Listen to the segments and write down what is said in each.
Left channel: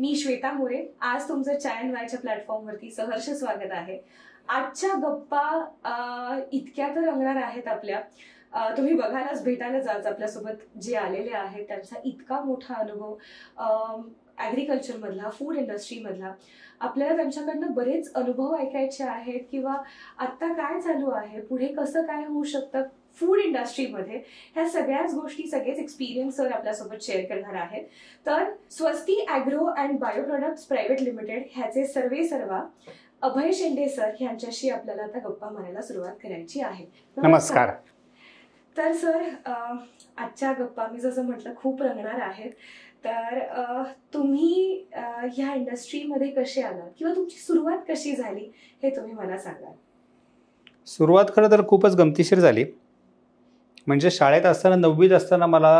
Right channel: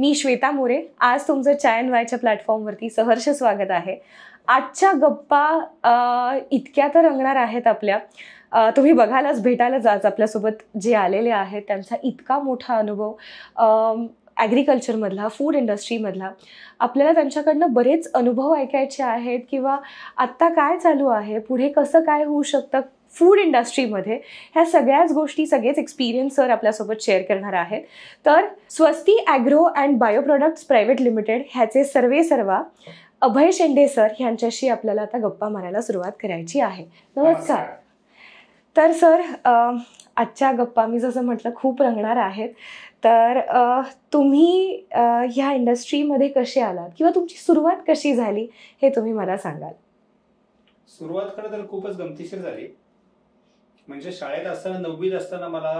मी श्वेता मोरे. आज तुमचं चाय अँड वायच्या प्लॅटफॉर्मवरती सहर्ष स्वागत आहे. आजच्या गप्पा इतक्या तर रंगणार आहेत आपल्या. तुम्ही बघायलाच भेटायलाच आज आपल्यासोबत जे आलेले आहेत त्यांचा इतका मोठा अनुभव ॲग्रिकल्चरमधला, फूड इंडस्ट्रीमधला. आपल्याला त्यांच्याकडनं बरेच अनुभव ऐकायचे आहेत किंवा आत्ता काय चालू आहे, पुढे कसं काय होऊ शकतं फूड इंडस्ट्रीमध्ये, ह्या सगळ्याच गोष्टी, सगळेच एक्सपिरियन्स सर आपल्यासोबत शेअर करणार आहेत. तर Swasti agro and bio products private limited ह्याचे सर्वेसर्वा अभय शेंडे सर यांच्याशी आपल्याला आता गप्पा मारायला सुरुवात करायची आहे. नमस्कार. तर सर, आजच्या गप्पा मी जसं म्हटलं खूप रंगणार आहेत. तर तुम्ही ह्या इंडस्ट्रीमध्ये कसे आलात किंवा तुमची सुरुवात कशी झाली हे तुम्ही मला सांगाल? सुरुवात खरं तर खूपच गमतीशीर झाली. म्हणजे शाळेत असताना 9वीत असताना मला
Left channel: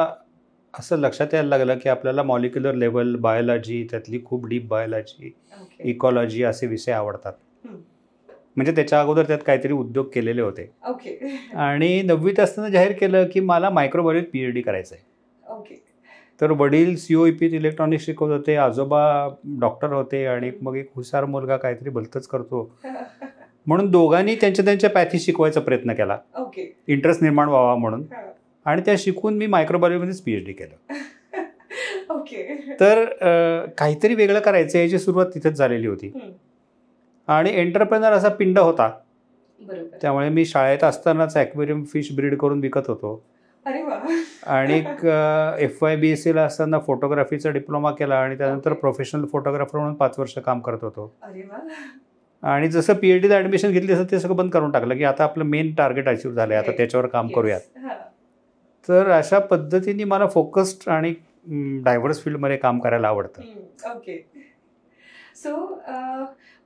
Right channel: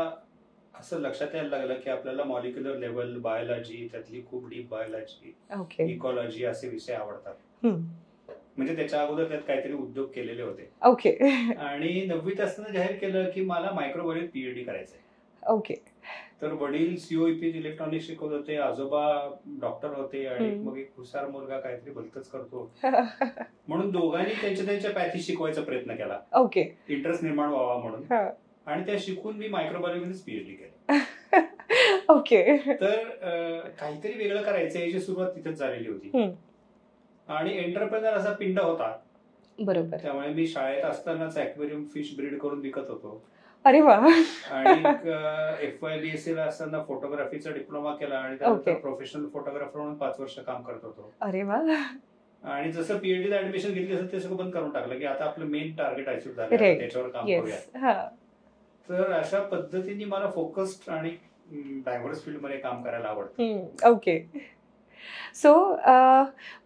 असं लक्षात यायला लागलं की आपल्याला मॉलिक्युलर लेवल बायोलॉजी, त्यातली खूप डीप बायोलॉजी, इकॉलॉजी असे विषय आवडतात. म्हणजे त्याच्या अगोदर त्यात काहीतरी उद्योग केलेले होते. ओके. आणि 9वीत असताना जाहीर केलं की मला मायक्रोबायोलॉजीत PhD करायचं आहे. ओके. तर वडील COEPत इलेक्ट्रॉनिक्स शिकवत होते, आजोबा डॉक्टर होते आणि मग एक हुशार मुलगा काहीतरी भलतंच करतो म्हणून दोघांनी त्यांच्या पॅथी शिकवायचा प्रयत्न केला. ओके. इंटरेस्ट निर्माण व्हावा म्हणून. आणि त्या शिकून मी मायक्रोबायोलॉजीमध्येच PhD केलं. ओके. तर काहीतरी वेगळं करायचं याची सुरुवात तिथेच झालेली होती. आणि एंटरप्रेनर असा पिंड होता. बरोबर. त्यामुळे मी शाळेत असतानाच ॲक्वेरियम फिश ब्रीड करून विकत होतो. अरे वा. आणि FYBSCला असताना फोटोग्राफीचा डिप्लोमा केला आणि त्यानंतर प्रोफेशनल फोटोग्राफर म्हणून 5 वर्ष काम करत होतो. अरे वा. आणि जसं PhDला ऍडमिशन घेतली असं ते सगळं बंद करून टाकलं की आता आपलं मेन टार्गेट अचीव्ह झालंय, आता त्याच्यावर काम करूयात. तर अशा पद्धतीने मला फोकस्ड आणि डायव्हर्स फील्डमध्ये काम करायला आवडतं. ओके. सो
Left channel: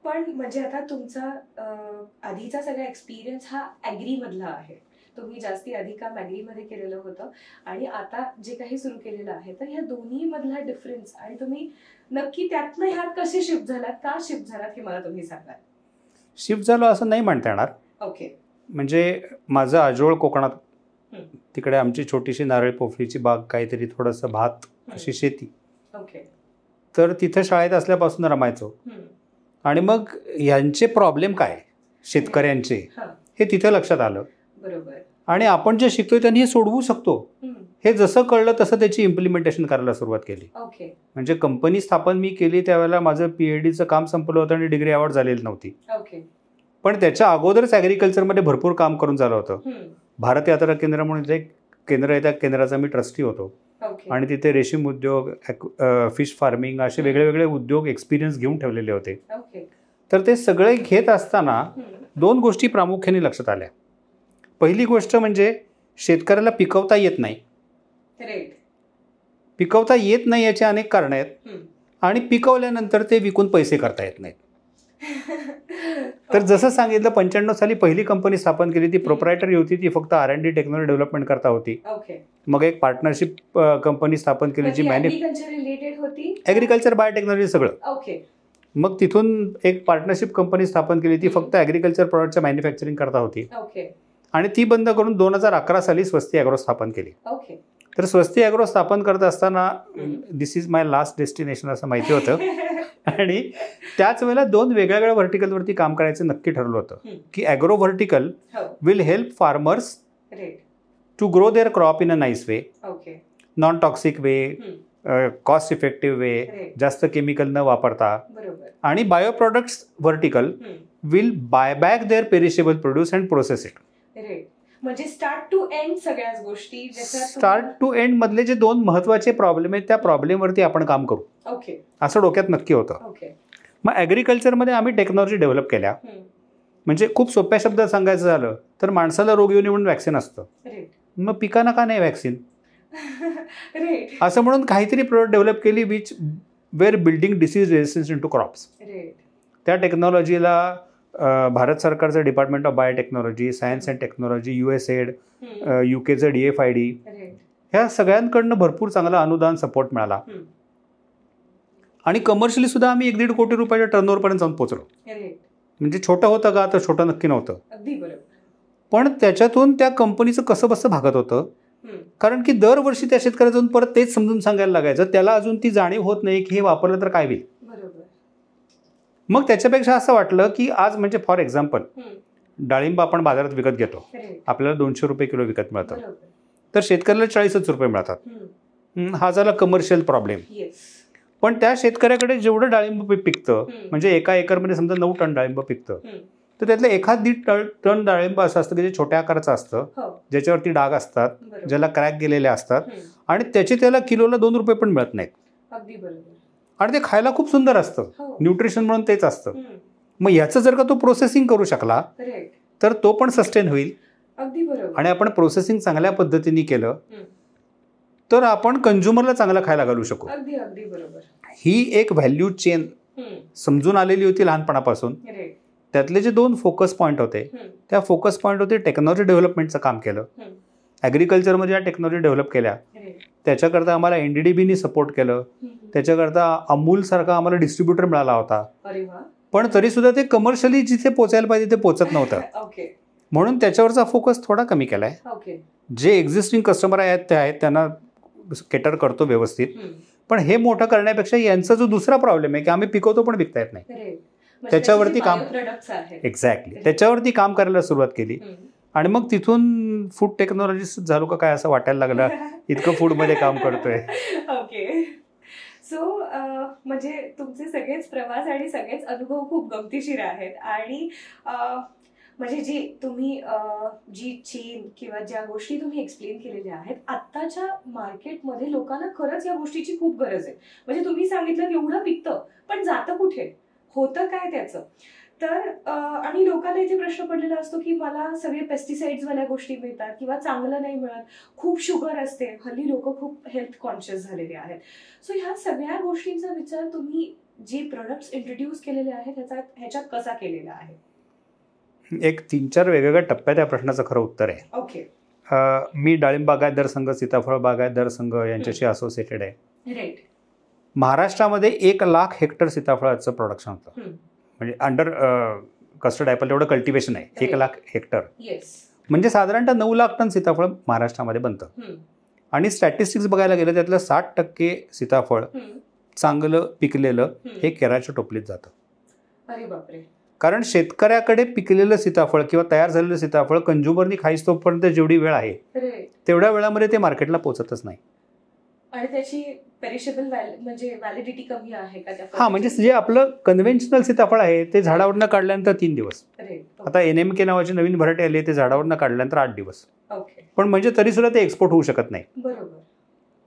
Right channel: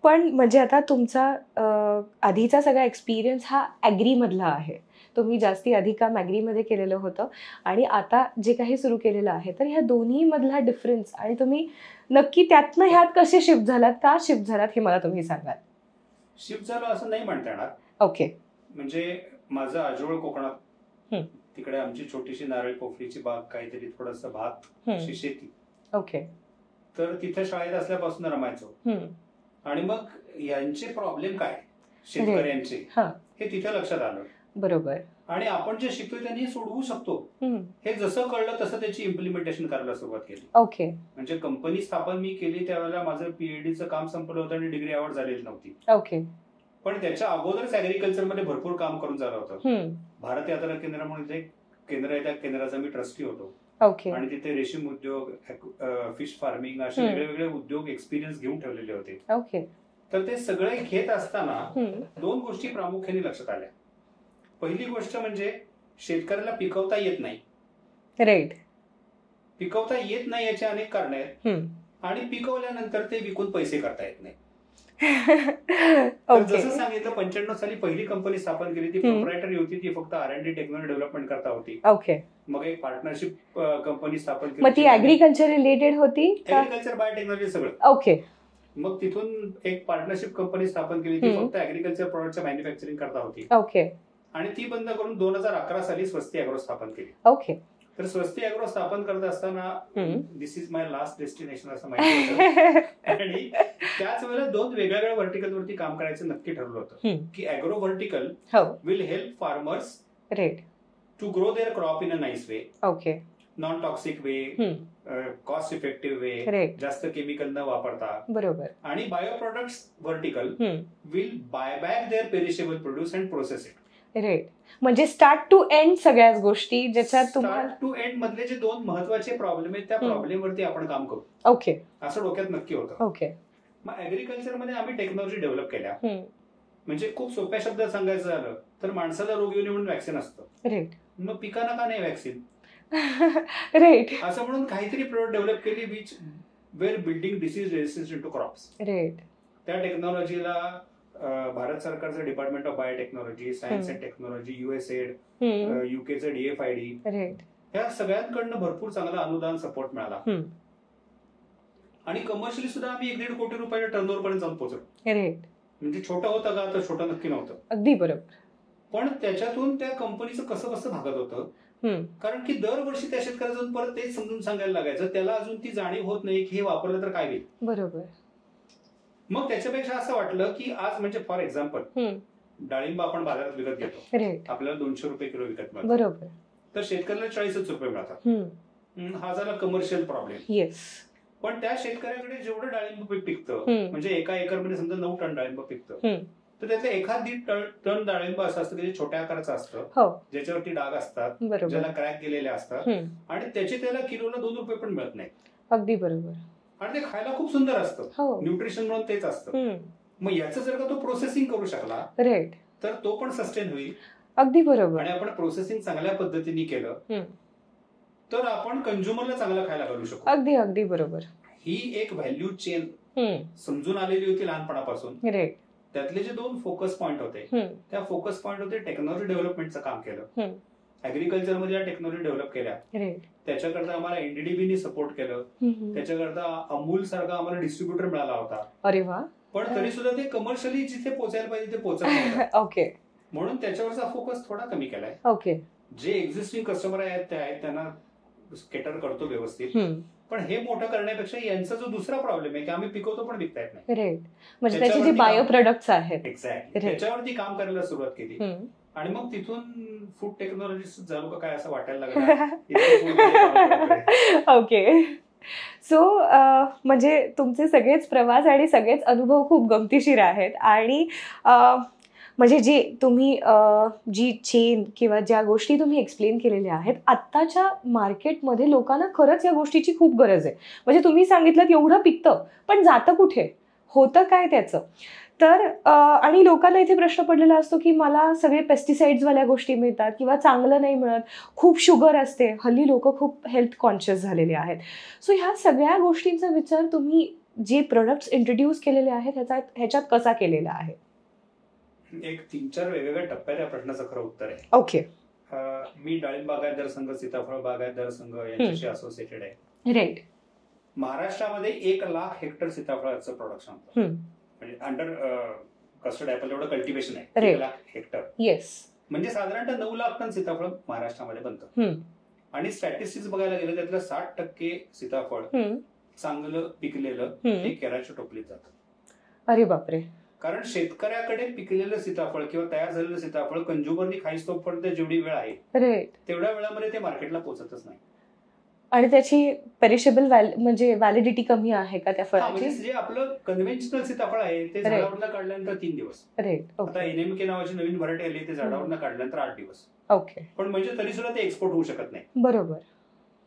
पण म्हणजे आता तुमचा आधीचा सगळा एक्सपिरियन्स हा ॲग्रीमधला आहे. तुम्ही जास्ती आधी काम ॲग्रीमध्ये केलेलं होतं आणि आता जे काही सुरू केलेलं आहे, तर ह्या दोन्हीमधला डिफरन्स आणि तुम्ही नक्की त्यातनं ह्यात कसे शिफ्ट झालात, का शिफ्ट झालात हे मला तुम्ही सांगाल? शिफ्ट झालो असं नाही म्हणता येणार. ओके. म्हणजे माझं आजोळ कोकणात, तिकडे आमची छोटीशी नारळ पोफळीची बाग, काहीतरी थोडंसं भात अशी शेती. ओके. तर तिथं शाळेत असल्यापासून रमायचो. आणि मग यांचे प्रॉब्लेम काय शेतकऱ्यांचे हे तिथे लक्षात आलं. बरोबर. आणि आपण जे शिकतोय त्यांनी हे सोडवू शकतो हे जसं कळलं तसं त्याची इम्प्लिमेंटेशन करायला सुरुवात केली. ओके. म्हणजे कंपनी स्थापन मी केली त्यावेळेला माझं PhDचं काम संपलं होतं आणि डिग्री अवॉर्ड झालेली नव्हती. ओके. पण त्याच्या अगोदरच ॲग्रिकल्चरमध्ये भरपूर काम करून झालं होतं. भारत यात्रा केंद्र म्हणून एक केंद्र आहे, त्या केंद्राचा मी ट्रस्टी होतो. आणि तिथे रेशीम उद्योग, फिश फार्मिंग असे वेगळे वेगळे उद्योग एक्सपिरियन्स घेऊन ठेवलेले होते. तर ते सगळे घेत असताना 2 गोष्टी प्रामुख्याने लक्षात आल्या. पहिली गोष्ट म्हणजे शेतकऱ्याला पिकवता येत नाही. राईट. पिकवता येत नाही याची अनेक कारणं आहेत. आणि पिकवल्यानंतर ते विकून पैसे करता येत नाहीत. तर जसं सांगितलं 95 साली पहिली कंपनी स्थापन केली, ती प्रोप्रायटरी होती, ती फक्त R&D टेक्नॉलॉजी डेव्हलपमेंट करता होती. ओके. मग एक पार्टनरशिप कंपनी स्थापन केली, जी ॲग्रिकल्चर रिलेटेड होती. ॲग्रिकल्चर बायोटेक्नॉलॉजी सगळं. ओके. मग तिथून एक पार्टनरशिप कंपनी स्थापन केली, ती फक्त ॲग्रिकल्चर प्रॉडक्टच्या मॅन्युफॅक्चरिंग करता होती. ओके. आणि ती बंद करून 2011 साली स्वस्ती ॲग्रो स्थापन केली. ओके. तर स्वस्ती ॲग्रो स्थापन करत असताना दिस इज माय लास्ट डेस्टिनेशन असं माहिती होतं. आणि त्याच वेळेला 2 वेगवेगळ्या व्हर्टिकलवरती काम करायचं नक्की ठरलं होतं की agro vertical will help farmers to grow their crop in a nice way, non toxic way, cost effective way, जास्त केमिकल न वापरता. बरोबर. आणि bio products vertical will buy back their perishable produce and process it. Right. म्हणजे start to end सगळ्याच गोष्टी, ज्याच्यात start to end मधले जे 2 महत्वाचे प्रॉब्लेम आहेत त्या प्रॉब्लेमवरती आपण काम करू. ओके. असं डोक्यात नक्की होतं. ओके. मग ॲग्रिकल्चरमध्ये आम्ही टेक्नॉलॉजी डेव्हलप केल्या. म्हणजे खूप सोप्या शब्दात सांगायचं झालं तर माणसाला रोग येऊ नये म्हणून वॅक्सिन असतं. मग पिकांना का नाही वॅक्सिन? राईट. असं म्हणून काहीतरी प्रोडक्ट डेव्हलप केली which were building disease resistance into crops. त्या टेक्नॉलॉजीला भारत सरकारचं department of biotechnology, science and technology, USAID, UKचं DFID, ह्या सगळ्यांकडनं भरपूर चांगला अनुदान सपोर्ट मिळाला. आणि कमर्शियली सुद्धा आम्ही 1-1.5 कोटी रुपयाच्या टर्नओव्हर पर्यंत जाऊन पोहोचलो. म्हणजे छोटं होतं का? तर छोटं नक्की नव्हतं. अगदी बरोबर. पण त्याच्यातून त्या कंपनीचं कसं बसं भागत होतं कारण की दरवर्षी त्या शेतकऱ्याला जाऊन परत तेच समजून सांगायला लागायचं, त्याला अजून ती जाणीव होत नाही की हे वापरलं तर काय होईल. बरोबर. मग त्याच्यापेक्षा असं वाटलं की आज म्हणजे फॉर एक्झाम्पल डाळिंब आपण बाजारात विकत घेतो, आपल्याला 200 रुपये किलो विकत मिळतात, तर शेतकऱ्याला 40 रुपये मिळतात. हा झाला कमर्शियल प्रॉब्लेम. पण त्या शेतकऱ्याकडे जेवढं डाळिंब पिकतं, म्हणजे एका एकरमध्ये समजा 9 टन डाळिंब पिकतं, तर त्यातलं 1.5 टन डाळिंब असं असतं की जे छोट्या आकाराचं असतं, ज्याच्यावरती डाग असतात, ज्याला क्रॅक गेलेले असतात, आणि त्याचे त्याला किलोला 2 रुपये पण मिळत नाहीत. अगदी बरोबर. आणि ते खायला खूप सुंदर असतं, न्यूट्रिशन म्हणून तेच असतं. मग याचं जर का तो प्रोसेसिंग करू शकला तर तो पण सस्टेन होईल. अगदी बरोबर. आणि आपण प्रोसेसिंग चांगल्या पद्धतीने केलं तर आपण कंझ्युमरला चांगला खायला घालू शकू. अगदी अगदी बरोबर. ही एक व्हॅल्यू चेन समजून आलेली होती लहानपणापासून. त्यातले जे 2 फोकस पॉईंट होते, त्या फोकस पॉईंट होते टेक्नॉलॉजी डेव्हलपमेंटचं काम केलं, ॲग्रिकल्चरमध्ये ज्या टेक्नॉलॉजी डेव्हलप केल्या त्याच्याकरता आम्हाला एनडीडीबीनी सपोर्ट केलं, त्याच्याकरता अमूल सारखा आम्हाला डिस्ट्रीब्युटर मिळाला होता. अरे वा. पण तरी सुद्धा ते कमर्शियली जिथे पोचायला पाहिजे ते पोचत नव्हतं. ओके. म्हणून त्याच्यावरचा फोकस थोडा कमी केलाय. ओके. जे एक्झिस्टिंग कस्टमर आहेत त्यांना केटर करतो व्यवस्थित, पण हे मोठं करण्यापेक्षा यांचा जो दुसरा प्रॉब्लेम आहे की आम्ही पिकवतो पण विकता येत नाही, त्याच्यावरती एक्झॅक्टली त्याच्यावरती काम करायला सुरुवात केली. आणि मग तिथून फूड टेक्नॉलॉजिस्ट झालो का काय असं वाटायला लागलं, इतकं फूडमध्ये काम करतोय. ओके. सो म्हणजे तुमचे सगळेच प्रवास आणि सगळेच अनुभव खूप गमतीशीर आहेत. आणि म्हणजे जी तुम्ही जी चेन किंवा ज्या गोष्टी तुम्ही एक्सप्लेन केलेल्या आहेत, आत्ताच्या मार्केटमध्ये लोकांना खरंच या गोष्टीची खूप गरज आहे. म्हणजे तुम्ही सांगितलं की एवढं पिकतं पण जातं कुठे, होतं काय त्याचं. तर आणि लोकांना इथे प्रश्न पडलेला असतो की मला सगळे पेस्टिसाइड्सवाल्या गोष्टी मिळतात किंवा चांगलं नाही मिळत, खूप शुगर असते. हल्ली लोक खूप हेल्थ कॉन्शियस झालेले आहेत. सो ह्या सगळ्या गोष्टींचा विचार तुम्ही जे प्रोडक्ट्स इंट्रोड्यूस केलेले आहेत ह्याच्यात कसा केलेला आहे? एक 3-4 वेगवेगळ्या टप्प्यात या प्रश्नाचं खरं उत्तर आहे. ओके. मी डाळिंब बागायतदार संघ, सीताफळ बागायतदार संघ यांच्याशी असोसिएटेड आहे. राईट. महाराष्ट्रामध्ये 1,00,000 हेक्टर सीताफळाचं प्रोडक्शन होतं, म्हणजे अंडर कस्टर्ड ॲपल एवढं कल्टिवेशन आहे. 1,00,000 हेक्टर. म्हणजे साधारणतः 9 लाख टन सीताफळ महाराष्ट्रामध्ये बनतं. आणि स्टॅटिस्टिक्स बघायला गेलं त्यातलं 60% सीताफळ चांगलं पिकलेलं हे केरळच्या टोपलीत जातं. अरे बापरे. कारण शेतकऱ्याकडे पिकलेलं सीताफळ किंवा तयार झालेलं सीताफळ कंझ्युमरनी खाईस तोपर्यंत जेवढी वेळ आहे तेवढ्या वेळामध्ये ते मार्केटला पोहोचतच नाही. आणि त्याची पेरिशेबल म्हणजे व्हॅलिडिटी कमी आहे का त्या फळाची? म्हणजे जे आपलं कन्व्हेन्शनल सीताफळ आहे ते झाडावरनं काढल्यानंतर 3 दिवस. आता NMK नावाची नवीन व्हरायटी आली, ते झाडावरनं काढल्यानंतर 8 दिवस. ओके. पण म्हणजे तरी सुद्धा ते एक्सपोर्ट होऊ शकत नाही. बरोबर.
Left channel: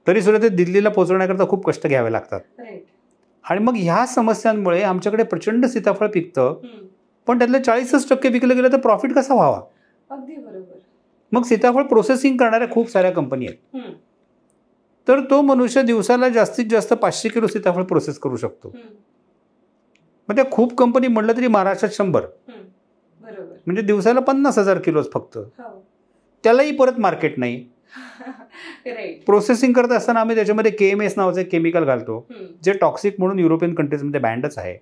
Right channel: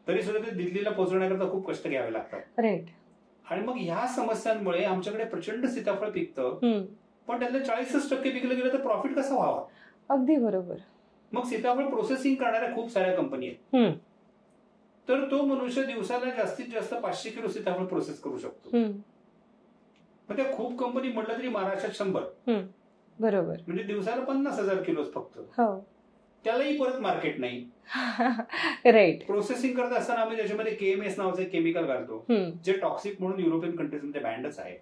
तरी सुद्धा ते दिल्लीला पोहोचवण्याकरता खूप कष्ट घ्यावे लागतात. आणि मग ह्या समस्यांमुळे आमच्याकडे प्रचंड सीताफळ पिकतं, पण त्यातलं 40% विकलं गेलं तर प्रॉफिट कसा व्हावा? अगदी बरोबर. मग सीताफळ प्रोसेसिंग करणाऱ्या खूप साऱ्या कंपनी आहेत. तर तो मनुष्य दिवसाला जास्तीत जास्त 500 किलो सीताफळ प्रोसेस करू शकतो. मग त्या खूप कंपनी म्हटलं तरी महाराष्ट्रात 100. बरोबर. म्हणजे दिवसाला 50,000 किलोच फक्त. त्यालाही परत मार्केट नाही. राईट. प्रोसेसिंग करत असताना आम्ही त्याच्यामध्ये KMS नावाचं केमिकल घालतो, जे टॉक्सिक म्हणून युरोपियन कंट्रीजमध्ये बँडच आहे.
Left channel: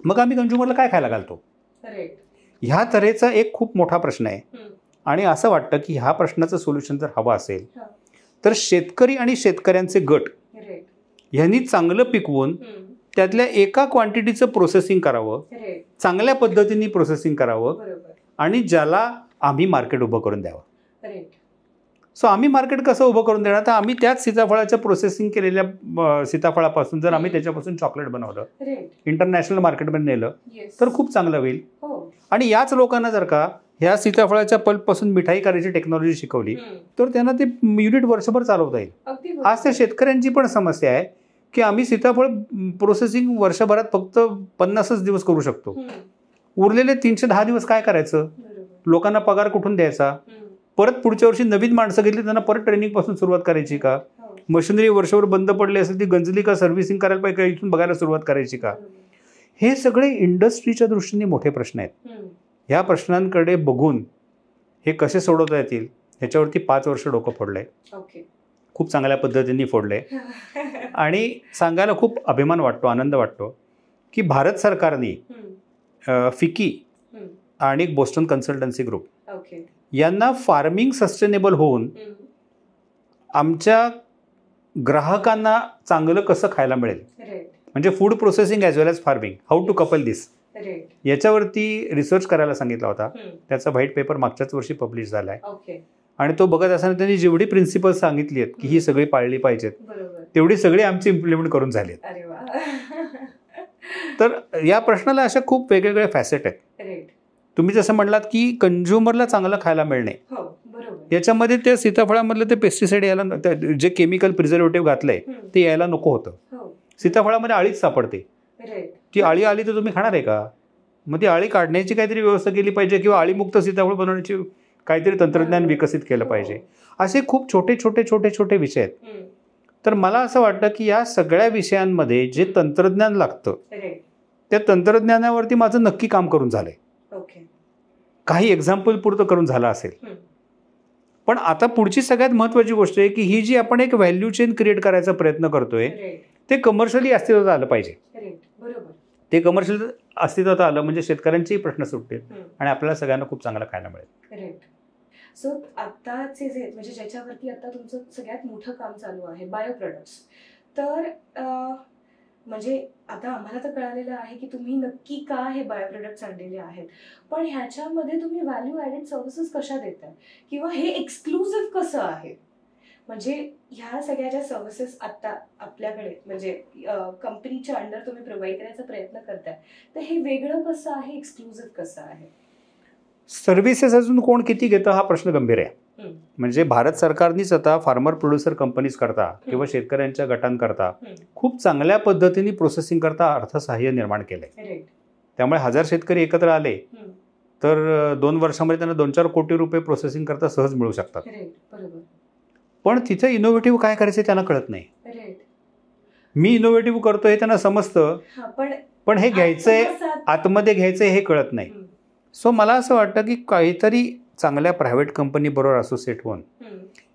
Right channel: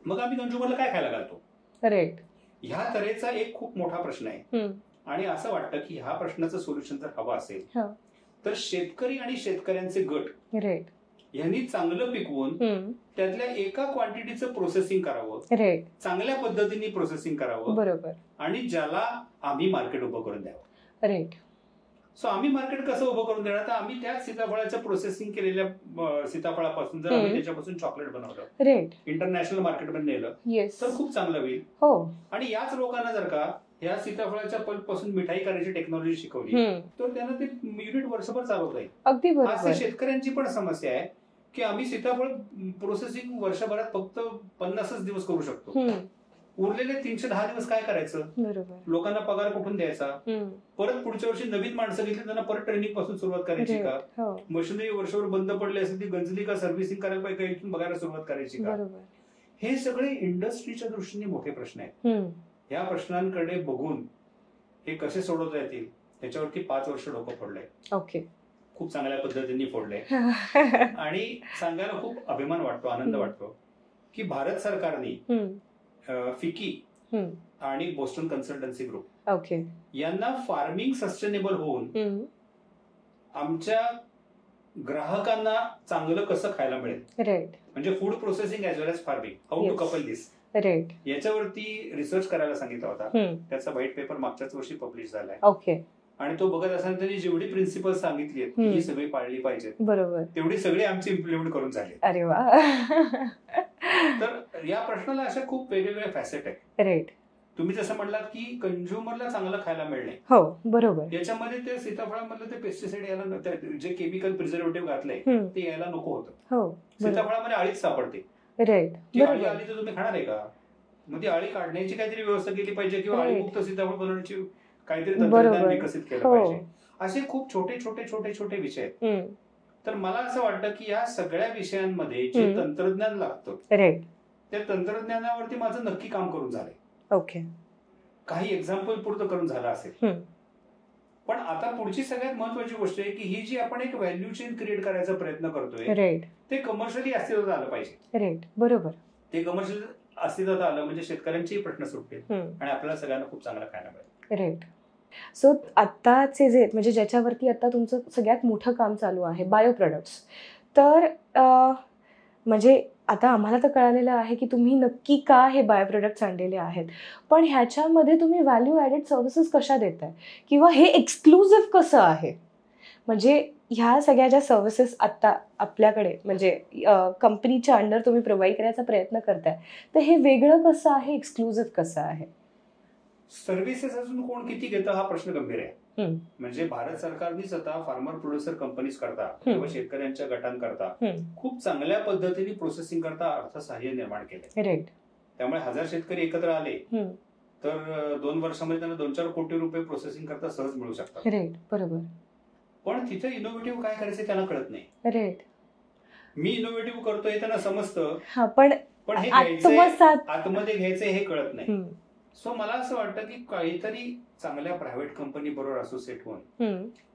मग आम्ही कंझ्युमरला काय खायला घालतो? राईट. ह्या तऱ्हेचा एक खूप मोठा प्रश्न आहे. आणि असं वाटतं की ह्या प्रश्नाचं सोल्युशन जर हवं असेल तर शेतकरी आणि शेतकऱ्यांचे गट यांनी चांगलं पिकवून त्यातल्या एका क्वांटिटीचं प्रोसेसिंग करावं, चांगल्या पद्धतीने प्रोसेसिंग करावं, आणि ज्याला आम्ही मार्केट उभं करून द्यावं. सो आम्ही मार्केट कसं उभं करून देणार? तर आम्ही त्याच सीताफळाच्या प्रोसेसिंग केलेल्या सीताफळापासून जर आम्ही त्याच्यापासून चॉकलेट बनवलं, इंटरनॅशनल मार्केटमध्ये नेलं तर खूप चांगलं होईल. आणि याच लोकांना जर का ह्या सीताफळाच्या पल्पपासून मिठाई करायची टेक्नॉलॉजी शिकवली तर त्यांना ते युनिट वर्षभर चालवता येईल. आज त्या शेतकऱ्यांची पण समस्या आहे की आम्ही सीताफळ प्रोसेसिंग वर्षभरात फक्त 50 दिवस करू शकतो, उरलेले 310 दिवस काय करायचं? लोकांना पगार कुठून द्यायचा? परत पुढच्या वर्षी नवीन माणसं घेतली त्यांना परत ट्रेनिंग पासून सुरुवात करायची का? मशिनरी वर्षभर बंद पडली असेल ती गंजली का, सर्व्हिसिंग करायला पाहिजे, इथून बघायला सुरुवात करायची का? हे सगळे इंडस्ट्रीच्या दृष्टीने मोठे प्रश्न आहेत. ह्या प्रश्नांकडे बघून हे कसे सोडवता येतील ह्याच्यावरती 5 वर्ष डोकं फोडलंय. खूप चांगल्या पद्धतीने फोडलंय. आणि सांगायला खूप अभिमान वाटतो, आनंद वाटतो की भारत सरकारने फिकी आणि बोस्टन कन्सल्टन्सी ग्रुप यांना फार्मिंग सस्टेनेबल होऊन आमच्या ग्राहकांना चांगलं कसं खायला मिळेल, राईट म्हणजे food processing as well as farming, how to couple this, right याच्यावरती रिसर्च करायला सांगितला होता. त्याचा व्हाईट पेपर मागच्याच वर्षी पब्लिश झालाय. ओके. आणि तो बघत असताना त्यांनी जेवढी प्रिन्सिपल्स सांगितली आहेत की ही सगळी पाळली पाहिजेत, बरोबर, तेवढी सगळी आमची इम्प्लिमेंट करून झाली. अरे वा. तर या प्रश्नाला अशा खूप वेगवेगळे फॅसेट आहेत. राईट. तुम्ही जसं म्हणलात की कंझ्युमरला चांगलं खायला मिळणे, हो बरोबर, याच्यामध्ये ते सीताफळामधलं ते पेस्टिसाइड यायला, जे केमिकल प्रिझर्वेटिव्ह घातलंय ते यायला नको होतं. हो, सीताफळामध्ये आळीच सापडते. राईट. ती आळी आली तर तुम्ही खाणार आहे का? मग ती आळी काढण्याची काहीतरी व्यवस्था केली पाहिजे किंवा आळीमुक्त सीताफळ बनवण्याची काहीतरी तंत्रज्ञान विकसित केलं पाहिजे. असे खूप छोटे छोटे छोटे छोटे विषय आहेत. तर मला असं वाटतं की या सगळ्या विषयांमध्ये जे तंत्रज्ञान लागतं, त्या तंत्रज्ञानावरती माझं नक्की काम करून झालंय. ओके. काही एक्झाम्पल पुरतं करून झालं असेल. पण आता पुढची सगळ्यात महत्वाची गोष्ट आहे की ही जी आपण एक व्हॅल्यू चेन क्रिएट करायचा प्रयत्न करतोय, ते कमर्शियली अस्तित्वात आलं पाहिजे. राईट, बरोबर. ते कमर्शियल अस्तित्वात आलं म्हणजे शेतकऱ्यांचेही प्रश्न सुटतील आणि आपल्याला सगळ्यांना खूप चांगलं खायला मिळेल. राईट. सो आत्ताचे जे म्हणजे ज्याच्यावरती आता तुमचं सगळ्यात मोठं काम चालू आहे, बायो प्रोडक्ट्स, तर म्हणजे आता आम्हाला तर कळालेलं आहे की तुम्ही नक्की का हे बायो प्रोडक्ट्स आणलेले आहेत, पण ह्याच्यामध्ये तुम्ही व्हॅल्यू ॲडेड सर्व्हिसेस कशा देताय किंवा हे एक्सक्लुझिव्ह कसं आहे? म्हणजे ह्या सगळ्या ज्या सर्व्हिसेस आत्ता आपल्याकडे म्हणजे कंपनीच्या अंडर तुम्ही प्रोव्हाइड करायचा प्रयत्न करताय, तर हे वेगळं कसं आहे, एक्सक्लुझिव्ह कसं आहे? सर्व्हिसेस अजून कोण किती घेतं हा प्रश्न गंभीर आहे. म्हणजे भारत सरकारनीच आता फार्मर प्रोड्युसर कंपनीज करता किंवा शेतकऱ्यांच्या गटांकरता खूप चांगल्या पद्धतीने प्रोसेसिंग करता अर्थसहाय्य निर्माण केलंय. त्यामुळे 1000 शेतकरी एकत्र आले तर 2 वर्षामध्ये त्यांना 2-4 कोटी रुपये प्रोसेसिंग करता सहज मिळू शकतात. बरोबर. पण तिथे इनोव्हेटिव्ह काय करायचं त्यांना कळत नाही. मी इनोव्हेटिव्ह करतो हे त्यांना समजतं, पण हे घ्यायचंय, आतमध्ये घ्यायचंय हे कळत नाही. सो मला असं वाटतं की काहीतरी चांगल्या प्रायव्हेट कंपनी बरोबर असोसिएट होऊन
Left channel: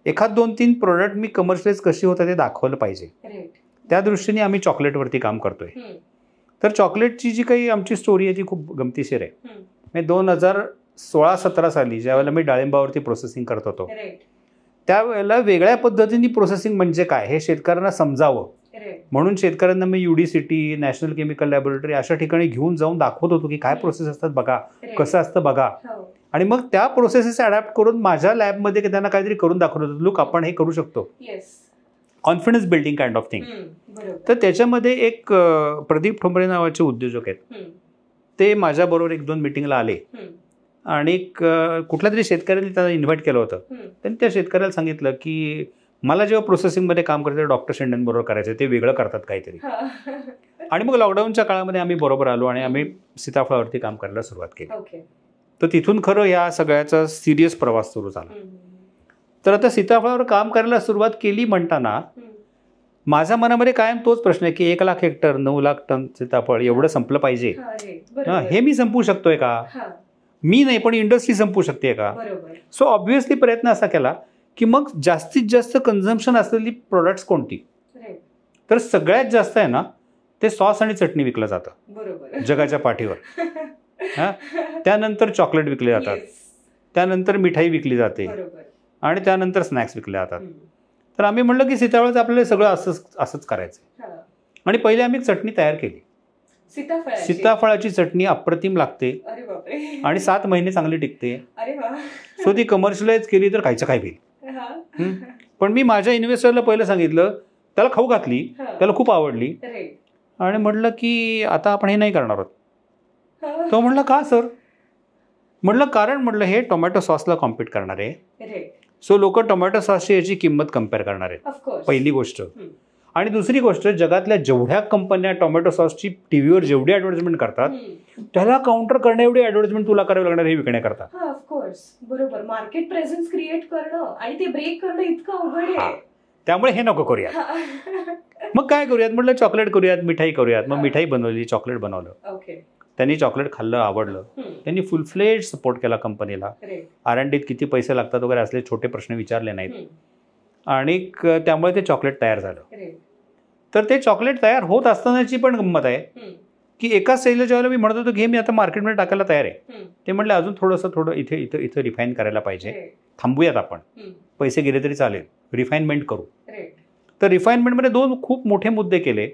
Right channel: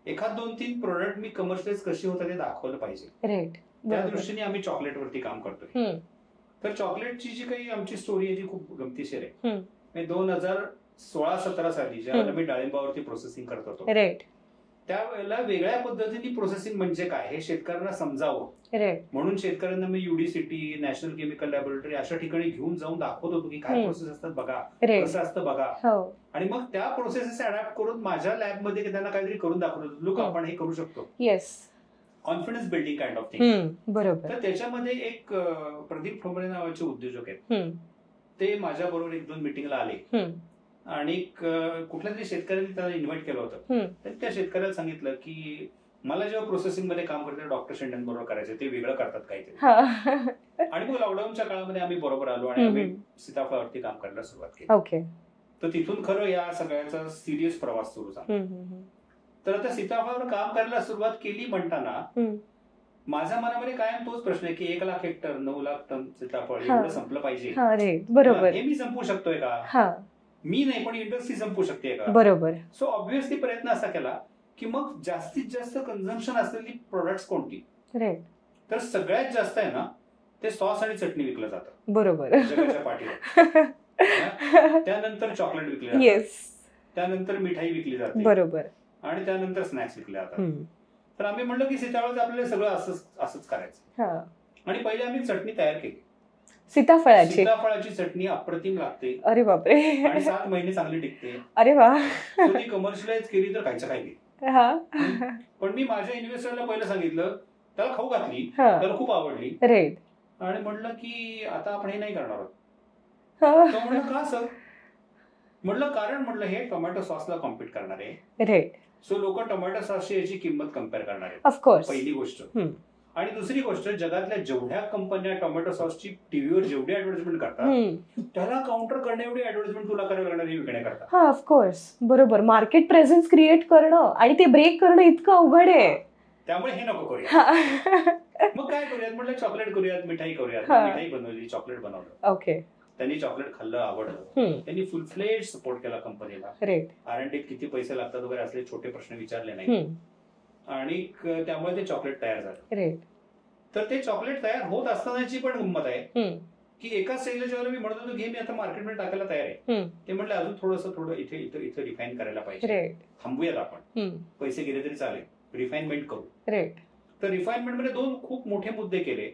एखाद 2-3 प्रोडक्ट मी कमर्शियलाइज कशी होतात ते दाखवलं पाहिजे. त्या दृष्टीने आम्ही चॉकलेटवरती काम करतोय. तर चॉकलेटची जी काही आमची स्टोरी आहे ती खूप गमतीशीर आहे. 2016-17 साली ज्यावेळेला मी डाळिंबावरती प्रोसेसिंग करत होतो, त्यावेळेला वेगळ्या पद्धतीने प्रोसेसिंग म्हणजे काय हे शेतकऱ्यांना समजावं म्हणून शेतकऱ्यांना मी UDCT, नॅशनल केमिकल लॅबोरेटरी अशा ठिकाणी घेऊन जाऊन दाखवत होतो की काय प्रोसेस असतात बघा, कसं असतं बघा. आणि मग त्या प्रोसेसेस अडॅप्ट करून माझ्या लॅबमध्ये त्यांना काहीतरी करून दाखवत होतो, लुक आपण हे करू शकतो. Confidence building kind of thing. तर त्याच्यामध्ये एक प्रदीप ठोंबरे नावाचे उद्योजक आहेत, ते माझ्याबरोबर 1-2 मिटिंगला आले आणि कुठल्या तरी शेतकऱ्यांनी त्यांना इन्व्हाइट केलं होतं. त्यांनी त्या शेतकऱ्याला सांगितलं की मला जेव्हा प्रोसेसिंगमध्ये काम करायचं डॉक्टर शेंडेंबरोबर करायचं, ते वेगळं करतात काहीतरी. आणि मग लॉकडाऊनच्या काळामध्ये आम्ही बरोबर आलो आणि आम्ही सीताफळावरती काम करायला सुरुवात केली. तर तिथून खरं या सगळ्याचा सिरियस प्रवास सुरू झाला. तर आता सीताफळावर काम करायला सुरुवात केली म्हणताना माझ्या मनामध्ये कायम तोच प्रश्न आहे की 1 लाख हेक्टर 9 लाख टन सीताफळ एवढं संपलं पाहिजे, हे मी संपवू शकतोय का? मी नाही पण इंडस्ट्री संपवू शकते का? बरोबर. सो ऑब्व्हियसली प्रयत्न असा केला की मग जास्तीत जास्त कन्झम्पशन असलेली प्रोडक्ट्स कोणती? तर सगळ्यात जास्त आहे ना ते सॉस आणि चटणी विकलं जातं. बरोबर. जगाच्या पाठीवर. त्यानंतर चॉकलेट विकले जातात, त्यानंतर मिठाई विकली जाते, बरोबर, आणि त्यानंतर स्नॅक्स विकले जातात. तर आम्ही म्हणलं की सीताफळाचं आपल्याला सगळं असंच करायचं. आणि पहिले आम्ही चटणी तयार केली. सीताफळाची चटणी अप्रतिम लागते. अरे बापरे. आणि 7 महिने चांगली टिकते. अरे वा. सो ती कमर्शियलाइज केली तर खायचं काय होईल. पण मी माझ्या इन्व्हेस्टरला पहिलं सांगितलं, त्याला खाऊ घातली, त्याला खूप आवडली आणि म्हटलं की आता आपण हे नाही करणार आहोत. तो म्हणलं का सर? म्हटलं कारण म्हटलं हे टोमॅटो सॉसला कॉम्पीट करणार आहे. सो लोक टोमॅटो सॉसची याची किंमत कम्पेअर करणार आहेत, पहिली गोष्ट. आणि दुसरी गोष्ट, जगातल्या जेवढ्या कंपन्या टोमॅटो सॉसची टीव्हीवर जेवढी ऍडव्हर्टाइजमेंट करतात त्याला काउंटर करण्या एवढी ऍडव्हर्टाइजमेंट तुला करावी लागणार हे विकण्याकरता. ऑफकोर्स, बरोबर. मार्केट प्रेझेन्स क्रिएट करणं आणि ते ब्रेक करणं इतकं अवघड आहे. त्यामुळे हे नको करूया. मग काय करूयात म्हटलं, चॉकलेट करूयात, मिठाई करूयात. मग मिठाई बनवली, चॉकलेट बनवलं. ओके. त्यांनी चॉकलेट खाल्लं, आवडलं. त्यांनी फुल फ्लेज सपोर्ट केला कंपनीला. R&Dत किती पैसे लागतात वगैरे असले छोटे प्रश्न विचारले नाहीत. आणि त्यामुळे ते चॉकलेट तयार झालं. तर ते चॉकलेट तयार होत असतानाची पण गंमत आहे की एका स्टेजला ज्यावेळेला मी म्हणत होतो की हे मी आता मार्केटमध्ये टाकायला तयार आहे, ते म्हटलं अजून थोडं इथे इथं इथं रिफाईन करायला पाहिजे, थांबूयात आपण, पैसे गेले तरी चालेल, रिफाईनमेंट करू. तर रिफाईनमेंटमध्ये 2 खूप मोठे मुद्दे केले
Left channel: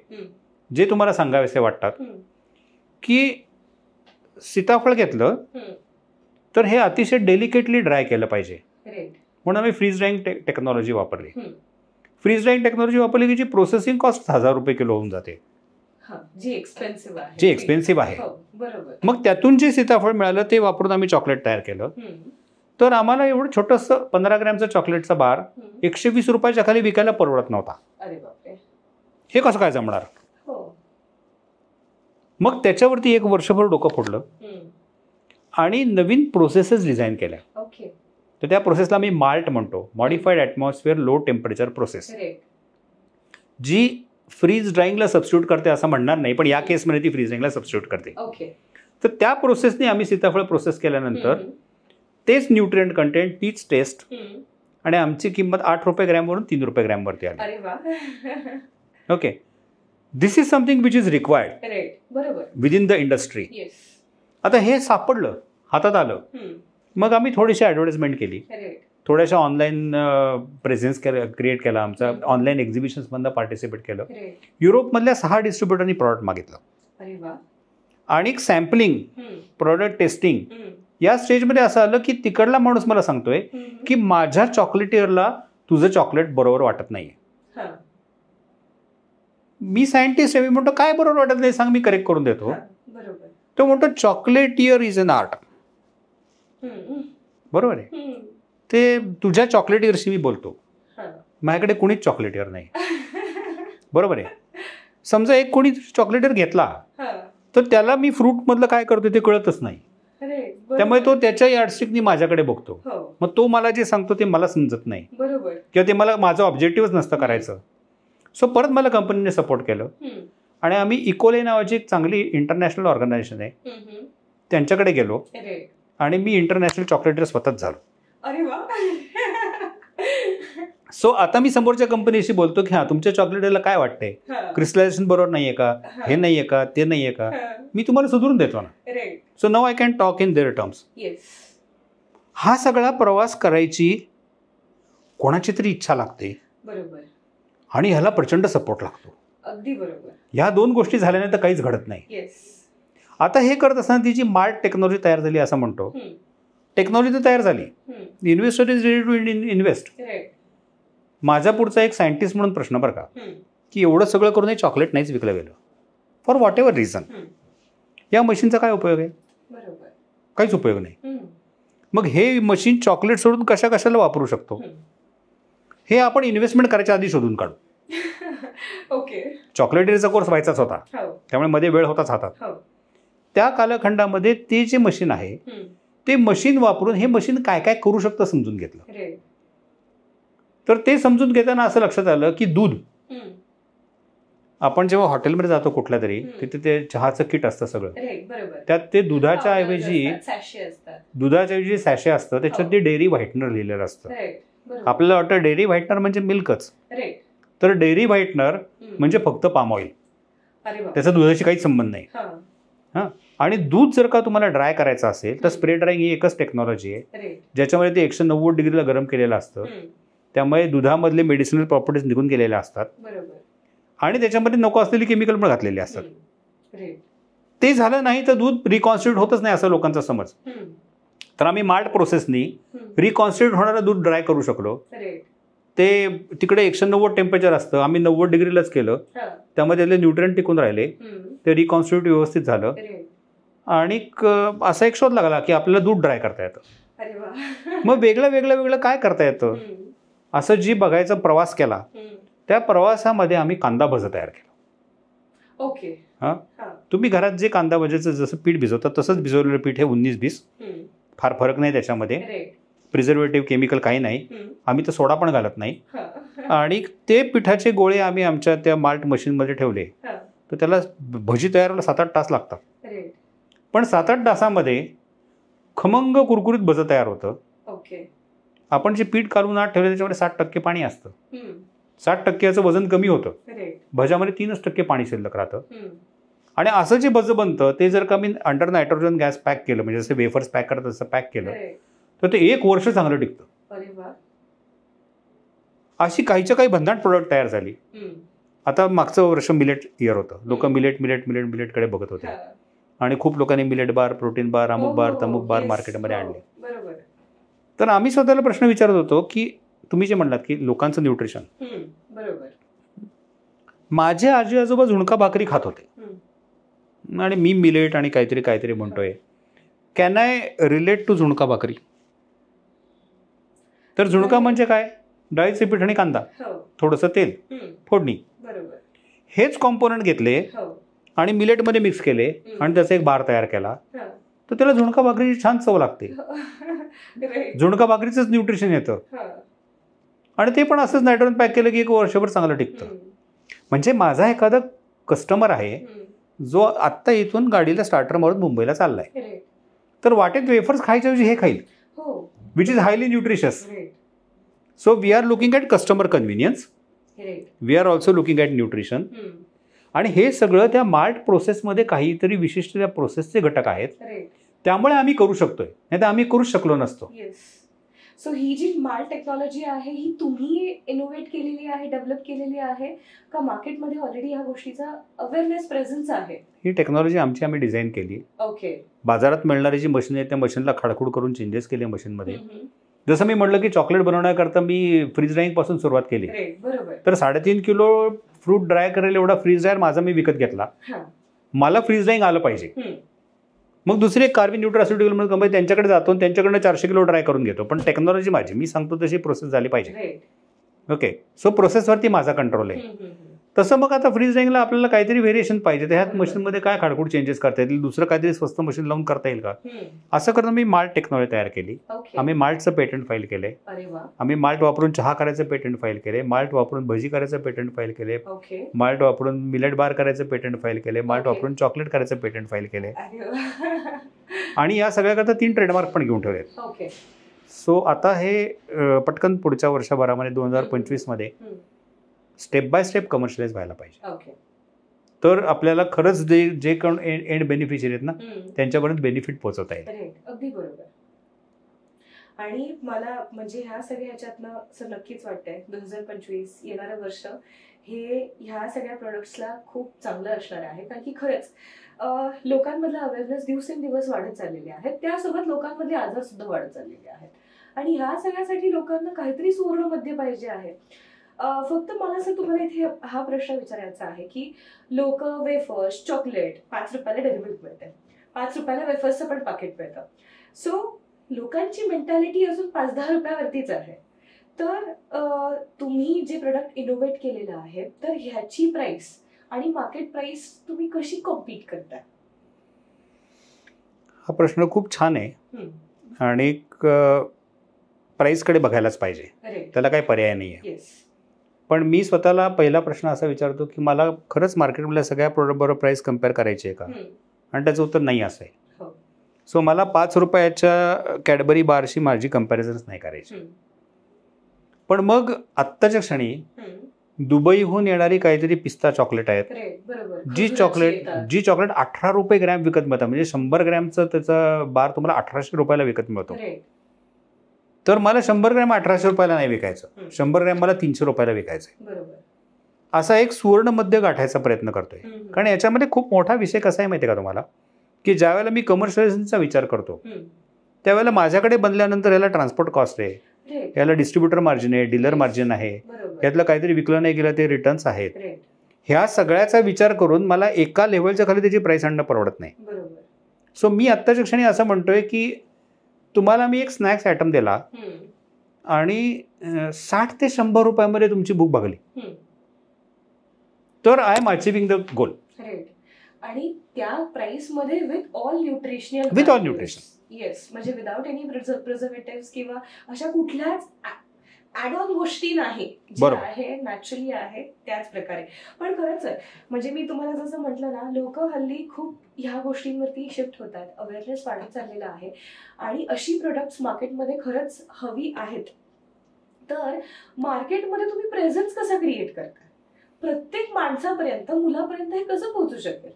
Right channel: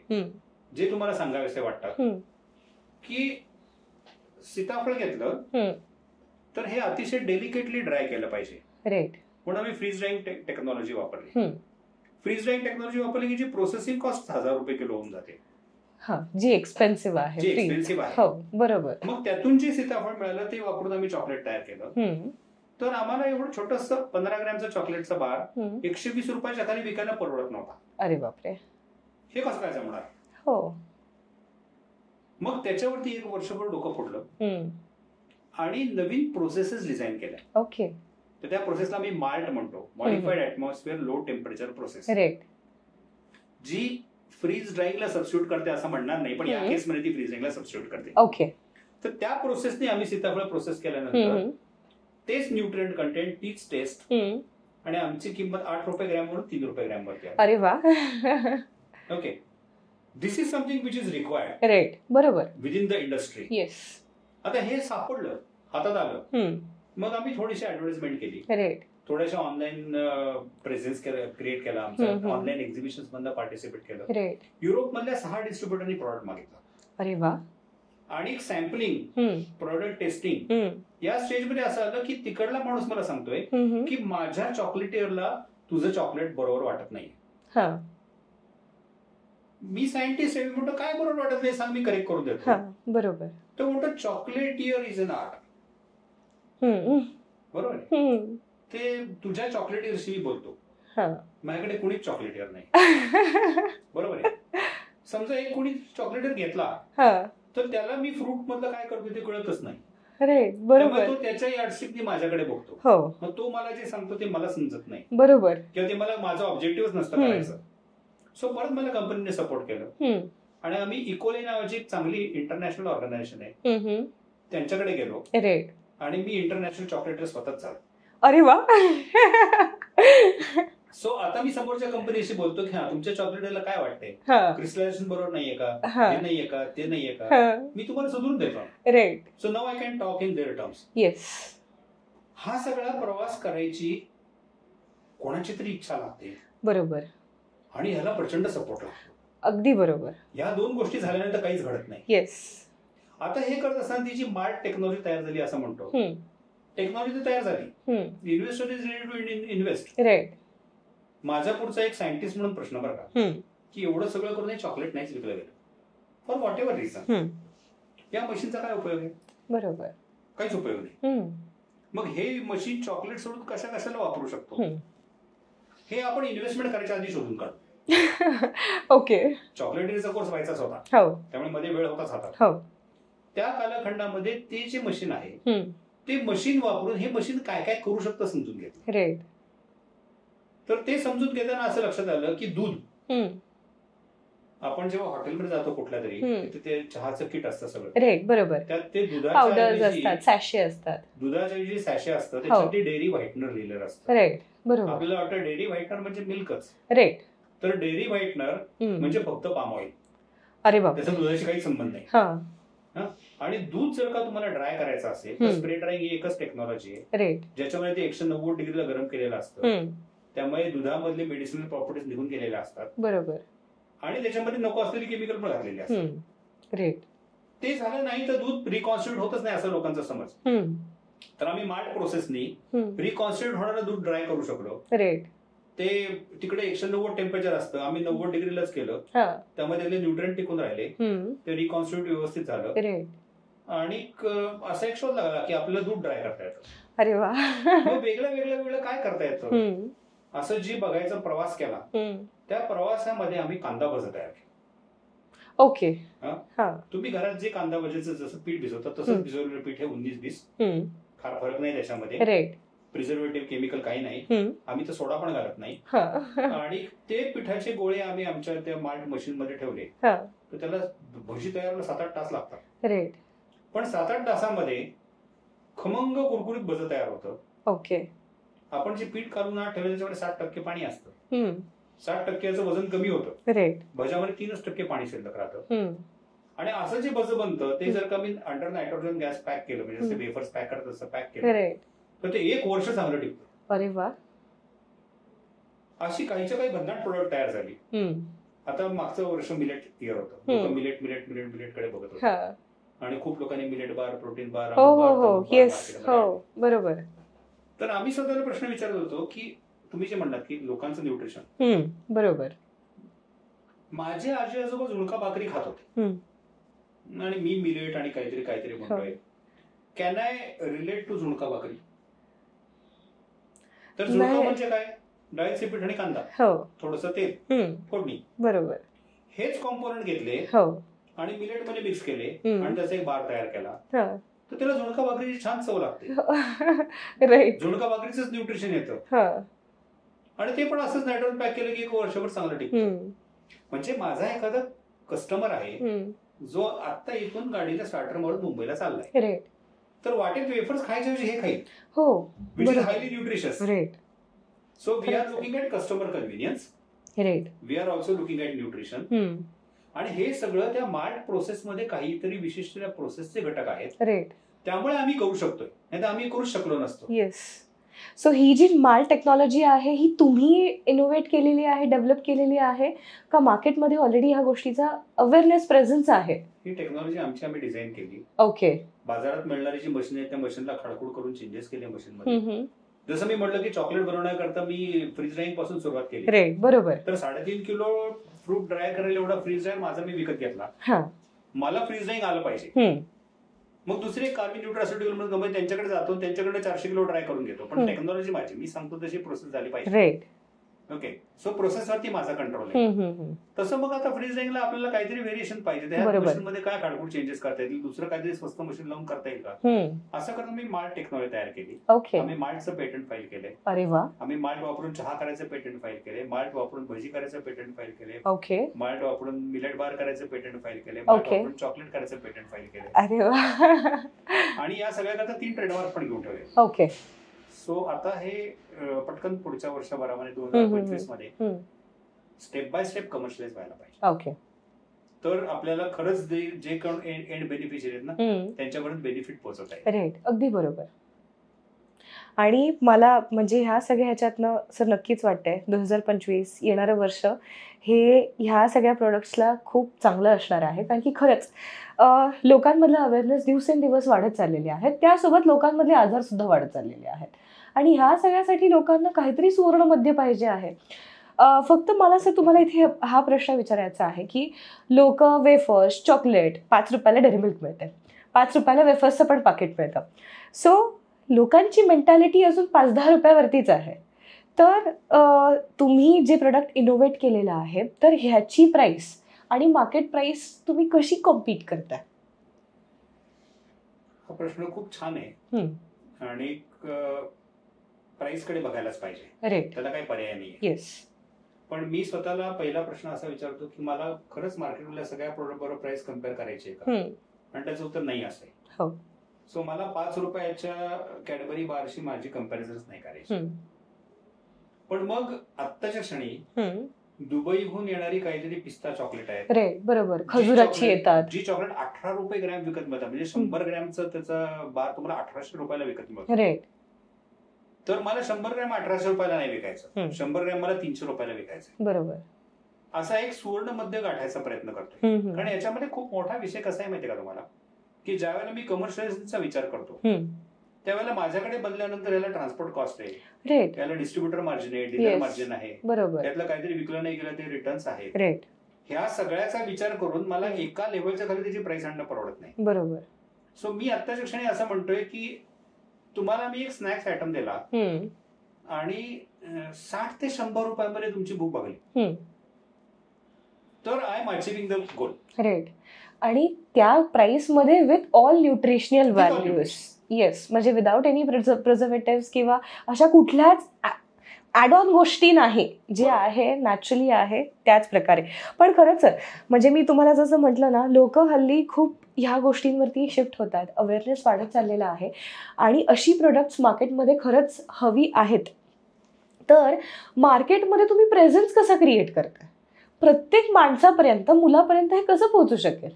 जे तुम्हाला सांगावेसे वाटतात. की सीताफळ घेतलं तर हे अतिशय डेलिकेटली ड्राय केलं पाहिजे, म्हणून आम्ही फ्रीज ड्राईंग टेक्नॉलॉजी वापरली. फ्रीज ड्राईंग टेक्नॉलॉजी वापरली की जी प्रोसेसिंग कॉस्ट 1000 रुपये किलो होऊन जाते, जी एक्सपेन्सिव्ह आहे. बरोबर. मग त्यातून जे सीताफळ मिळालं ते वापरून आम्ही चॉकलेट तयार केलं. तर आम्हाला एवढं छोटंसं 15 ग्रॅमचं चॉकलेटचा बार 120 रुपयाच्या खाली विकायला परवडत नव्हता. अरे बापरे, हे कसं काय जमणार. मग त्याच्यावरती 1 वर्षभर डोकं फोडलं आणि नवीन प्रोसेसेस डिझाईन केल्या. तर त्या प्रोसेसला मी माल्ट म्हणतो, modified atmosphere low temperature process, जी फ्रीज ड्राईंगला सबस्टिट्यूट करते असं म्हणणार नाही, पण या केसमध्ये ती फ्रीज ड्राईंगला सबस्टिट्यूट करते. तर त्या प्रोसेसने आम्ही सीताफळ प्रोसेस केल्यानंतर तेच न्यूट्रिएंट कंटेंट, तीच टेस्ट, आणि आमची किंमत 8 रुपये ग्रॅमवरून 3 रुपये ग्रॅमवरती आली. अरे वा. Okay, this is something which is required. बरोबर. Within the industry. आता हे सापडलं, हातात आलं, मग आम्ही थोडीशी ॲडव्हर्टाइजमेंट केली, थोड्याशा ऑनलाईन प्रेझेन्स क्रिएट केला, आमचा ऑनलाईन एक्झिबिशन्समधनं पार्टिसिपेट केलं. युरोपमधल्या 6 डिस्ट्रीब्युटरनी प्रॉडक्ट मागितलं. अरे वा. आणि सॅम्पलिंग, प्रॉडक्ट टेस्टिंग, या स्टेजमध्ये असं आलं की तिकडला माणूस मला सांगतोय की माझ्या चॉकलेटियरला तुझं चॉकलेट बरोबर वाटत नाहीये. मी सायंटिस्ट आहे, मी म्हणतो काय बरोबर वाटत नाही सांग, मी करेक्ट करून देतो. बरोबर. तो म्हणतो चॉकलेटियर इज अन आर्ट. बरोबर आहे, ते तुझ्या चॉकलेटियरशी मी बोलतो, माझ्याकडे कोणीच चॉकलेटियर नाही. बरोबर आहे. समजा एक कोणी चॉकलेटियर घेतला तर त्याला मी फ्रूट मधलं काय करतो ते कळतच नाही, त्यामुळे तो त्याच्या यार्डस्टिकनी माझ्याकडे बघतो. मग तो मला जे सांगतो ते मला समजत नाही. बरोबर. किंवा ते मला माझं ऑब्जेक्टिव्हच नसतं करायचं. सो परत मला कंपनीने सपोर्ट केलं आणि आम्ही इकोले नावाची एक चांगली इंटरनॅशनल ऑर्गनायझेशन आहे त्यांच्याकडे गेलो आणि मी इंटरनॅशनल चॉकलेटर स्वतःच झालो. अरे वा. सो आता मी समोरच्या कंपनीशी बोलतो की हा तुमच्या चॉकलेटला काय वाटतंय, क्रिस्टलायझेशन बरोबर नाहीये का, हे नाहीये का, ते नाहीये का, मी तुम्हाला सुधारून देतो ना. So now I can talk in their terms. हा सगळा प्रवास करायची कोणाची तरी इच्छा लागते. बरोबर. आणि ह्याला प्रचंड सपोर्ट लागतो. अगदी बरोबर. ह्या 2 गोष्टी झाल्याने तर काहीच घडत नाही. आता हे करत असताना ती जी मार्ट टेक्नॉलॉजी तयार झाली असं म्हणतो, टेक्नॉलॉजी तर तयार झाली, investor is ready to invest. माझा पुढचा एक सायंटिस्ट म्हणून प्रश्न बरं का, की एवढं सगळं करून हे चॉकलेट नाहीच विकलं गेलं फॉर व्हॉट एव्हर रिझन, या मशीनचा काय उपयोग आहे. बरोबर. काहीच उपयोग नाही. मग हे मशीन चॉकलेट सोडून कशाला वापरू शकतो हे आपण इन्व्हेस्टमेंट करायच्या आधी शोधून काढू. ओके. चॉकलेटरीचा कोर्स व्हायचाच होता, त्यामुळे मध्ये वेळ होताच हातात. त्या कालखंडामध्ये ते जे मशीन आहे ते मशीन वापरून हे मशीन काय काय करू शकतं समजून घेतलं. तर ते समजून घेताना असं लक्षात आलं की दूध, आपण जेव्हा हॉटेलमध्ये जातो कुठल्या तरी, तिथे ते चहाचं किट असतं सगळं. बरोबर. त्यात ते दुधाच्या ऐवजी सॅशे असतं, त्याच्यात ते डेअरी व्हाईटनर लिहिलेलं असतं. आपल्याला वाटतं डेअरी व्हाईटनर म्हणजे मिल्कच, तर डेअरी व्हाईटनर म्हणजे फक्त पाम ऑइल. त्याचा दुधाशी काहीच संबंध नाही. आणि दूध जर का तुम्हाला ड्राय करायचं असेल तर स्प्रे ड्रायिंग ही एकच टेक्नॉलॉजी आहे ज्याच्यामध्ये ते 190 डिग्रीला गरम केलेलं असतं, त्यामुळे दुधामधले मेडिसिनल प्रॉपर्टीज निघून गेलेल्या असतात. बरोबर. आणि त्याच्यामध्ये नको असलेली केमिकल पण घातलेली असतात. ते झालं नाही तर दूध रिकॉन्स्टिट्यूट होतच नाही असं लोकांचा समज. तर आम्ही मार्ट प्रोसेसनी रिकॉन्स्टिट्यूट होणारं दूध ड्राय करू शकलो. ते तिकडे 190 टेम्परेचर असतं, आम्ही 90 डिग्रीलाच केलं, त्यामध्ये त्यातले न्यूट्रिएंट टिकून राहिले, ते रिकॉन्स्टिट्यूट व्यवस्थित झालं. आणि असा एक शोध लागला की आपल्याला दूध ड्राय करता येतं. मग वेगळं काय करता येतं असं जी बघायचा प्रवास केला, त्या प्रवासामध्ये आम्ही कांदा भजी तयार केला. ओके. तुम्ही घरात जे कांदा भजीचं जसं पीठ भिजवतात तसंच भिजवलेलं पीठ हे 19-20, फार फरक नाही त्याच्यामध्ये. प्रिझर्वेटिव्ह केमिकल काही नाही, आम्ही तर सोडा पण घालत नाही. आणि ते पिठाचे गोळे आम्ही आमच्या त्या माल्ट मशीनमध्ये ठेवले तर त्याला भजी तयार व्हायला 7-8 तास लागतात. पण 7-8 तासामध्ये खमंग कुरकुरीत भजं तयार होतं. ओके. आपण जे पीठ काढून आत ठेवलं त्याच्यामध्ये 60% पाणी असतं, 60% वजन कमी होतं, भज्यामध्ये 3% पाणी शिल्लक राहतं. आणि असं जे बज बनतं ते जर का मी अंडर नायट्रोजन गॅस पॅक केलं, म्हणजे जसे वेफर्स पॅक करतात तसं पॅक केलं, तर ते 1 वर्ष चांगलं टिकतं. अरे वा. अशी काहीच्या काही भन्नाट प्रोडक्ट तयार झाली. आता मागचं वर्ष मिलेट इयर होतं, लोक मिलेट कडे बघत होते आणि खूप लोकांनी मिलेट बार, प्रोटीन बार, अमुक बार, तमुक बार मार्केटमध्ये आणले. बरोबर. तर आम्ही स्वतःला प्रश्न विचारत होतो की तुम्ही जे म्हणलात की लोकांचं न्यूट्रिशन, बरोबर. माझे आजी आजोबा झुणका भाकरी खात होते आणि मी मिलेट आणि काहीतरी म्हणतोय. कॅन आय रिलेट टू झुणका भाकरी? तर झुणका म्हणजे काय? डाळीचे पीठ आणि कांदा, थोडंसं तेल, फोडणी, बरोबर. हेच कॉम्पोनंट घेतले आणि मिलेटमध्ये मिक्स केले आणि त्याचा एक बार तयार केला, तर त्याला झुणका भाकरीची छान चव लागते. झुणका भाकरीचंच न्यूट्रिशन येतं आणि ते पण असंच नायट्रोजन पॅक केलं की 1 वर्षभर चांगलं टिकतं. म्हणजे माझा एखादा कस्टमर आहे जो आत्ता इथून गाडीला स्टार्टर मारून मुंबईला चाललाय, तर वाटेत वेफर्स खायच्या ऐवजी हे खाईल, which is highly nutritious. So we are looking at customer convenience, we are also looking at nutrition. आणि हे सगळं त्या माल्ट प्रोसेसमध्ये काहीतरी विशिष्ट त्या प्रोसेसचे घटक आहेत, त्यामुळे आम्ही करू शकतोय, नाही तर आम्ही करूच शकलो नसतो. सो ही जी माल्ट टेक्नॉलॉजी आहे ही तुम्ही इनोव्हेट केलेली आहे, डेव्हलप केलेली आहे का मार्केटमध्ये ऑलरेडी ह्या गोष्टीचा अवेअरनेस प्रेझेन्स आहे? ही टेक्नॉलॉजी आम्ही डिझाईन केली. ओके. बाजारात मिळणारी जी मशीन आहे त्या मशीनला खाडखूड करून चेंजेस केले मशीनमध्ये. जसं मी म्हटलं की चॉकलेट बनवण्याकरता मी फ्रीज ड्रायिंग पासून सुरुवात केली. बरोबर. तर 3.5 किलो फ्रूट ड्राय करायला एवढा फ्रीज ड्रायर माझा मी विकत घेतला. मला फ्रीज ड्रायिंग आलं पाहिजे. मग दुसरी एक कार्बन न्यूट्रास्युटिकल कंपनी, त्यांच्याकडे जातो आणि त्यांच्याकडनं 400 किलो ड्राय करून घेतो, पण टेक्नॉलॉजी माझी, मी सांगतो तशी प्रोसेस झाली पाहिजे. ओके. सो प्रोसेसवरती माझा कंट्रोल आहे. तसं मग आता फ्रीज ड्रायिंगला आपल्याला काहीतरी व्हेरिएशन पाहिजे, तर ह्या मशीनमध्ये काय खाडखूड चेंजेस करता येतील, दुसरं काहीतरी स्वस्त मशीन लावून करता येईल का, असं करून मी माल्ट टेक्नॉलॉजी तयार केली. आम्ही माल्टचं पेटंट फाईल केले. आम्ही माल्ट वापरून चहा करायचं पेटंट फाईल केले, माल्ट वापरून भजी करायचं पेटंट फाईल केले, माल्ट वापरून मिलेट बार करायचं पेटंट फाईल केले, माल्ट वापरून चॉकलेट करायचं पेटंट फाईल केले. आणि या सगळ्याकरता 3 ट्रेडमार्क पण घेऊन ठेवले. ओके. सो आता हे पटकन पुढच्या वर्षभरामध्ये 2025 मध्ये स्टेप बाय स्टेप कमर्शियलाइज व्हायला पाहिजे. ओके. तर आपल्याला खरंच जे कोण एंड बेनिफिशियरी आहेत ना त्यांच्यापर्यंत बेनिफिट पोहोचवता येईल. अगदी बरोबर. आणि मला म्हणजे ह्या सगळ्या ह्याच्यातनं सर नक्कीच वाटतंय 2025 येणारं वर्ष हे ह्या सगळ्या प्रोडक्ट्सला खूप चांगलं असणार आहे, कारण की खरंच लोकांमधलं अवेअरनेस दिवसेंदिवस वाढत चाललेली आहे, त्यासोबत लोकांमधले आजार सुद्धा वाढत चाललेले आहेत आणि ह्या सगळ्यासाठी लोकांना काहीतरी सुवर्ण मध्य पाहिजे आहे. फक्त मला सर तुम्हाला इथे हा प्रश्न विचारायचा आहे की लोक वेफर्स, चॉकलेट 5 रुपयाला डेअरी मिल्क मिळते, 5 रुपयाला वेफर्सचं पण पाकिट मिळतं. सो लोकांची मेंटॅलिटी अजून 5-10 रुपयावरतीच आहे. तर तुम्ही जे प्रोडक्ट इनोव्हेट केलेलं आहे तर ह्याची प्राइस आणि मार्केट प्राइस तुम्ही कशी कॉम्पीट करताय? हा प्रश्न खूप छान आहे आणि प्राइसकडे बघायलाच पाहिजे, त्याला काही पर्याय नाही आहे. पण मी स्वतःला पहिला प्रश्न असा विचारतो की मला खरंच मार्केटमधल्या सगळ्या प्रोडक्ट बरोबर प्राइस कम्पेअर करायची आहे का, आणि त्याचं उत्तर नाही असं आहे. सो मला 5 रुपयाच्या कॅडबरी बारशी माझी कम्पॅरिझन्स नाही करायची. पण मग आत्ताच्या क्षणी दुबईहून येणारी काहीतरी पिस्ता चॉकलेट आहेत, जी चॉकलेट 18 रुपये ग्रॅम विकत मिळतात, म्हणजे 100 ग्रॅमचं त्याचं बार तुम्हाला 1800 रुपयाला विकत मिळतो. तर मला 100 ग्रॅम 1800 रुपयाला नाही विकायचं, 100 ग्रॅम मला 300 रुपयाला विकायचं. बरोबर. असा एक सुवर्ण मध्य गाठायचा प्रयत्न करतोय. कारण याच्यामध्ये खूप मोठा विषय कसा आहे माहिती आहे का तुम्हाला, की ज्या वेळेला मी कमर्शियलायझेशनचा विचार करतो त्यावेळेला माझ्याकडे बनल्यानंतर याला ट्रान्सपोर्ट कॉस्ट आहे, याला डिस्ट्रीब्युटर मार्जिन आहे, डीलर मार्जिन आहे, यातलं काहीतरी विकलं नाही गेलं ते रिटर्न्स आहेत. ह्या सगळ्याचा विचार करून मला एका लेव्हलच्या खाली त्याची प्राइस आणणं परवडत नाही. बरोबर. सो मी आत्ताच्या क्षणी असं म्हणतोय की तुम्हाला मी एक स्नॅक्स आयटम दिला आणि 60 ते 100 रुपयामध्ये तुमची भूक भागली, तर I am achieving the goal. आणि त्या प्राइस मध्ये विथ ऑल न्यूट्रिशनल येस, म्हणजे विदाउट एनी प्रिझर्वेटिव्स किंवा अशा कुठल्याच ॲड ऑन गोष्टी नाही, जे आहे नॅचरली आहे त्याच प्रकारे. पण खरंच सर म्हणजे मी तुम्हाला जसं म्हटलं ना, लोक हल्ली खूप ह्या गोष्टींवरती शिफ्ट होतात, अवेअरनेस वाढत चाललेला आहे आणि अशी प्रोडक्ट्स मार्केटमध्ये खरंच हवी आहेत. तर मार्केटमध्ये तुम्ही प्रेझेन्स कसा क्रिएट करता, प्रत्येक माणसापर्यंत, मुलापर्यंत हे कसं पोहोचू शकेल?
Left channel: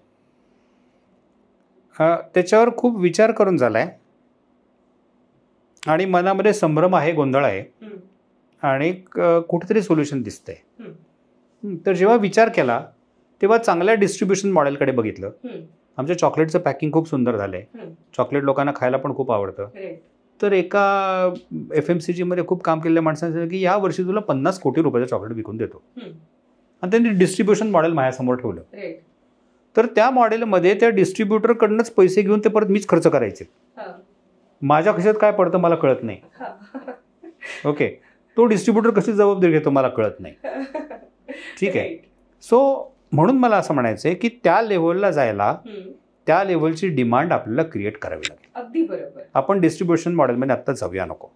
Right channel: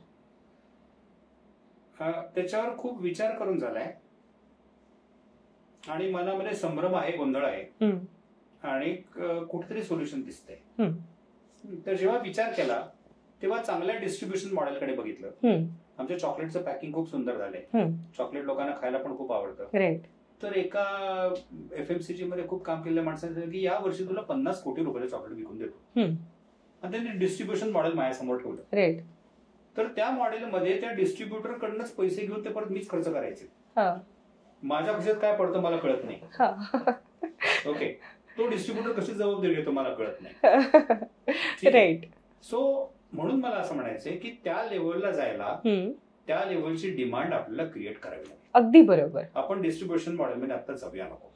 त्याच्यावर खूप विचार करून झालाय आणि मनामध्ये संभ्रम आहे, गोंधळ आहे आणि कुठेतरी सोल्युशन दिसतंय. तर जेव्हा विचार केला तेव्हा चांगल्या डिस्ट्रीब्युशन मॉडेलकडे बघितलं. आमच्या चॉकलेटचं पॅकिंग खूप सुंदर झालंय, चॉकलेट लोकांना खायला पण खूप आवडतं. तर एका FMCG मध्ये खूप काम केलेल्या माणसाने सांगितलं की या वर्षी तुला 50 कोटी रुपयाचं चॉकलेट विकून देतो. आणि त्यांनी डिस्ट्रीब्युशन मॉडेल माझ्यासमोर ठेवलं. तर त्या मॉडेलमध्ये त्या डिस्ट्रीब्युटरकडनंच पैसे घेऊन ते परत मीच खर्च करायचे. माझ्या खिशात काय पडतं मला कळत नाही. ओके, तो डिस्ट्रीब्युटर कशी जबाबदारी घेतो मला कळत नाही. ठीक आहे. सो म्हणून मला असं म्हणायचंय की त्या लेव्हलला जायला त्या लेव्हलची डिमांड आपल्याला क्रिएट करावी लागेल. अगदी बरोबर. आपण डिस्ट्रीब्युशन मॉडेलमध्ये आता जाऊया नको,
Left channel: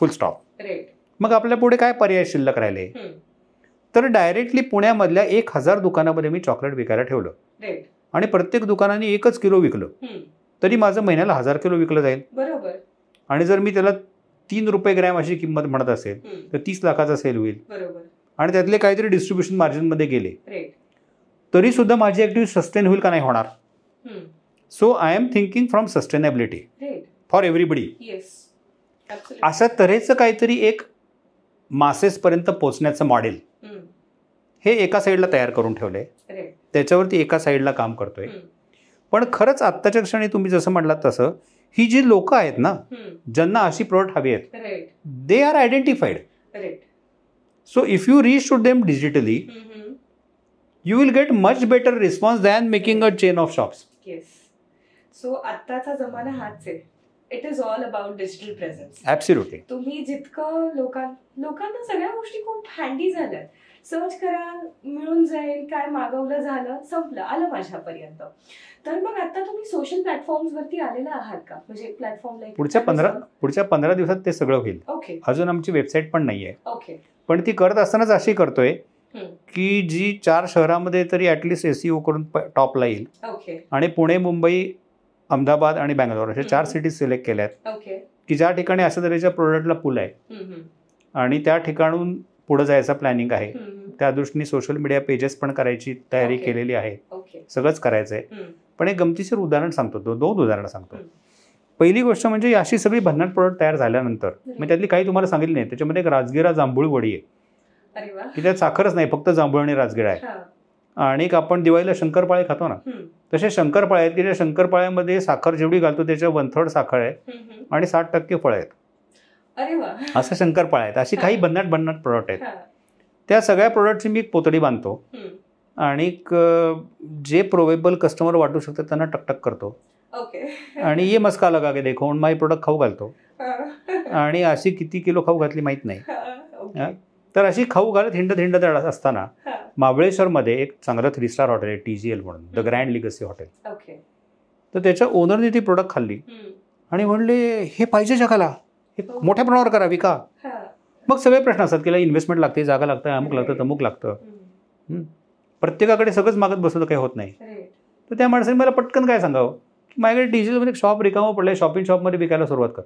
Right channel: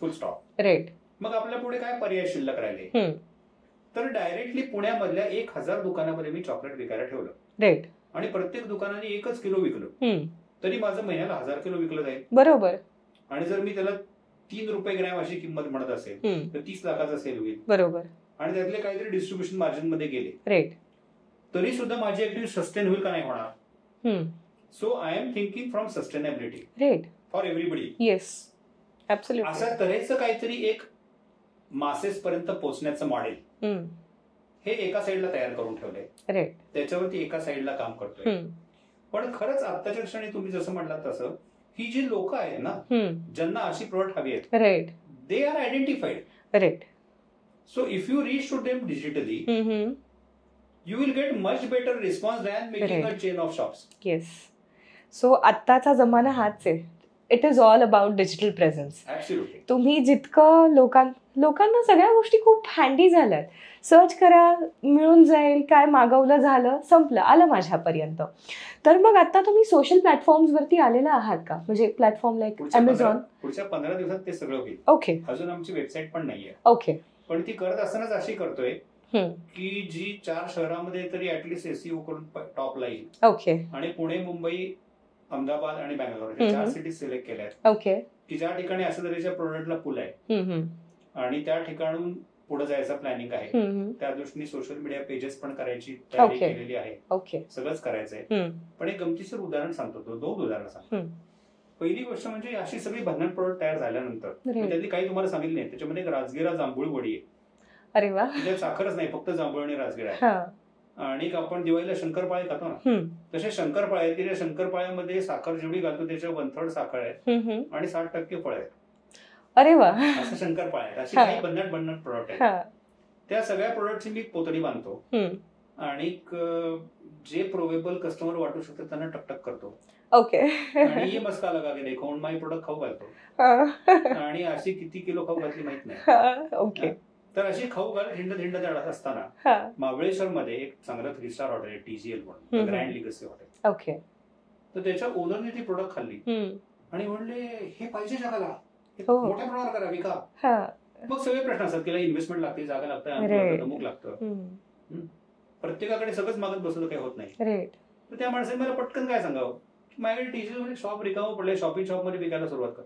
फुल स्टॉप. राईट. मग आपल्या पुढे काय पर्याय शिल्लक राहिले? तर डायरेक्टली पुण्यामधल्या 1000 दुकानामध्ये मी चॉकलेट विकायला ठेवलं. राईट. आणि प्रत्येक दुकानाने 1 किलो विकलं तरी माझं महिन्याला 1000 किलो विकलं जाईल. बरोबर. आणि जर मी त्याला 3 रुपये ग्रॅम अशी किंमत म्हणत असेल तर 30 लाखाचा सेल होईल. बरोबर. आणि त्यातले काहीतरी डिस्ट्रीब्युशन मार्जिन मध्ये गेले. राईट. तरी सुद्धा माझी ऍक्टिव्हिटी सस्टेन होईल का नाही होणार. So I am thinking from sustainability. Right. For everybody. Yes, absolutely. अशा तऱ्हेचं काहीतरी एक मासेस पर्यंत पोहोचण्याचं मॉडेल हे एका साईडला तयार करून ठेवलंय. राईट. त्याच्यावरती एका साईडला काम करतोय. पण खरंच आत्ताच्या क्षणी तुम्ही जसं म्हटलात तसं ही जी लोक आहेत ना ज्यांना अशी प्रोडक्ट हवी आहेत, right, they are identified. Right. So if you reach to them digitally you will get much better response than making a chain of shops. Yes. So आत्ताचा जमाना हाच आहे. It is all about digital presence. Absolutely. तुम्ही जितकं लोकांना सगळ्या गोष्टी खूप हँडी झाल्यात. सर्च करा, मिळून जाईल, काय मागवलं झालं, संपलं, आलं माझ्यापर्यंत. तर मग आता तुम्ही सोशल प्लॅटफॉर्म्सवरती आलेला आहात का? म्हणजे प्लॅटफॉर्म लाईक पुढच्या 15 दिवसात ते सगळं होईल. ओके. अजून आमची वेबसाईट पण नाहीये. ओके. पण ती करत असतानाच अशी करतोय की जी 4 शहरामध्ये तरी ऍटलिस्ट SEO करून टॉपला येईल. ओके. आणि पुणे, मुंबई, अहमदाबाद आणि बँगलोर अशा 4 सिटीज सिलेक्ट केल्यात. ओके. की ज्या ठिकाणी अशा तऱ्हेच्या प्रोडक्टला पूल आहे आणि त्या ठिकाणून पुढे जायचा प्लॅनिंग आहे. त्या दृष्टीने सोशल मीडिया पेजेस पण करायची तयारी केलेली आहे. ओके. सगळंच करायचंय. पण एक गमतीशीर उदाहरण सांगतो, 2 उदाहरणं सांगतो. पहिली गोष्ट म्हणजे अशी सगळी भन्नाट प्रोडक्ट तयार झाल्यानंतर मी त्यातली काही तुम्हाला सांगितली नाही. त्याच्यामध्ये एक राजगिरा जांभूळ वडी आहे. अरे वा. त्यात साखरच नाही, फक्त जांभूळ आणि राजगिरा आहे. आणि एक आपण दिवाळीला शंकरपाळे खातो ना, तसे शंकरपाळे आहेत की ज्या शंकरपाळ्यामध्ये साखर जेवढी घालतो त्याच्या 1/3 साखर आहे आणि 60% फळ आहेत. अरे वा. असं शंकरपाळे आहेत. अशी काही भन्नाट प्रोडक्ट आहेत. त्या सगळ्या प्रोडक्टची मी एक पोतडी बांधतो आणि जे प्रोवेबल कस्टमर वाटू शकतात त्यांना टकटक करतो. ओके. आणि ये मस्का लगा के देखो माय प्रोडक्ट खाऊ घालतो. आणि अशी किती किलो खाऊ घातली माहित नाही. तर अशी खाऊ घालत हिंडत असताना महाबळेश्वर मध्ये एक चांगलं 3 स्टार हॉटेल आहे, TGL म्हणून, the grand legacy hotel. Okay. तर त्याच्या ओनरने ती प्रोडक्ट खाल्ली आणि म्हणले हे पाहिजे जगाला, मोठ्या प्रमाणावर करा, विका. मग सगळे प्रश्न असतात की इन्व्हेस्टमेंट लागते, जागा लागतं, अमुक लागतं, तमुक लागतं. प्रत्येकाकडे सगळंच मागत बसलं तर काही होत नाही. तर त्या माणसाने मला पटकन काय सांगावं की माझ्याकडे TGL मध्ये शॉप रिकामं पडलंय, शॉपिंग शॉपमध्ये विकायला सुरुवात कर.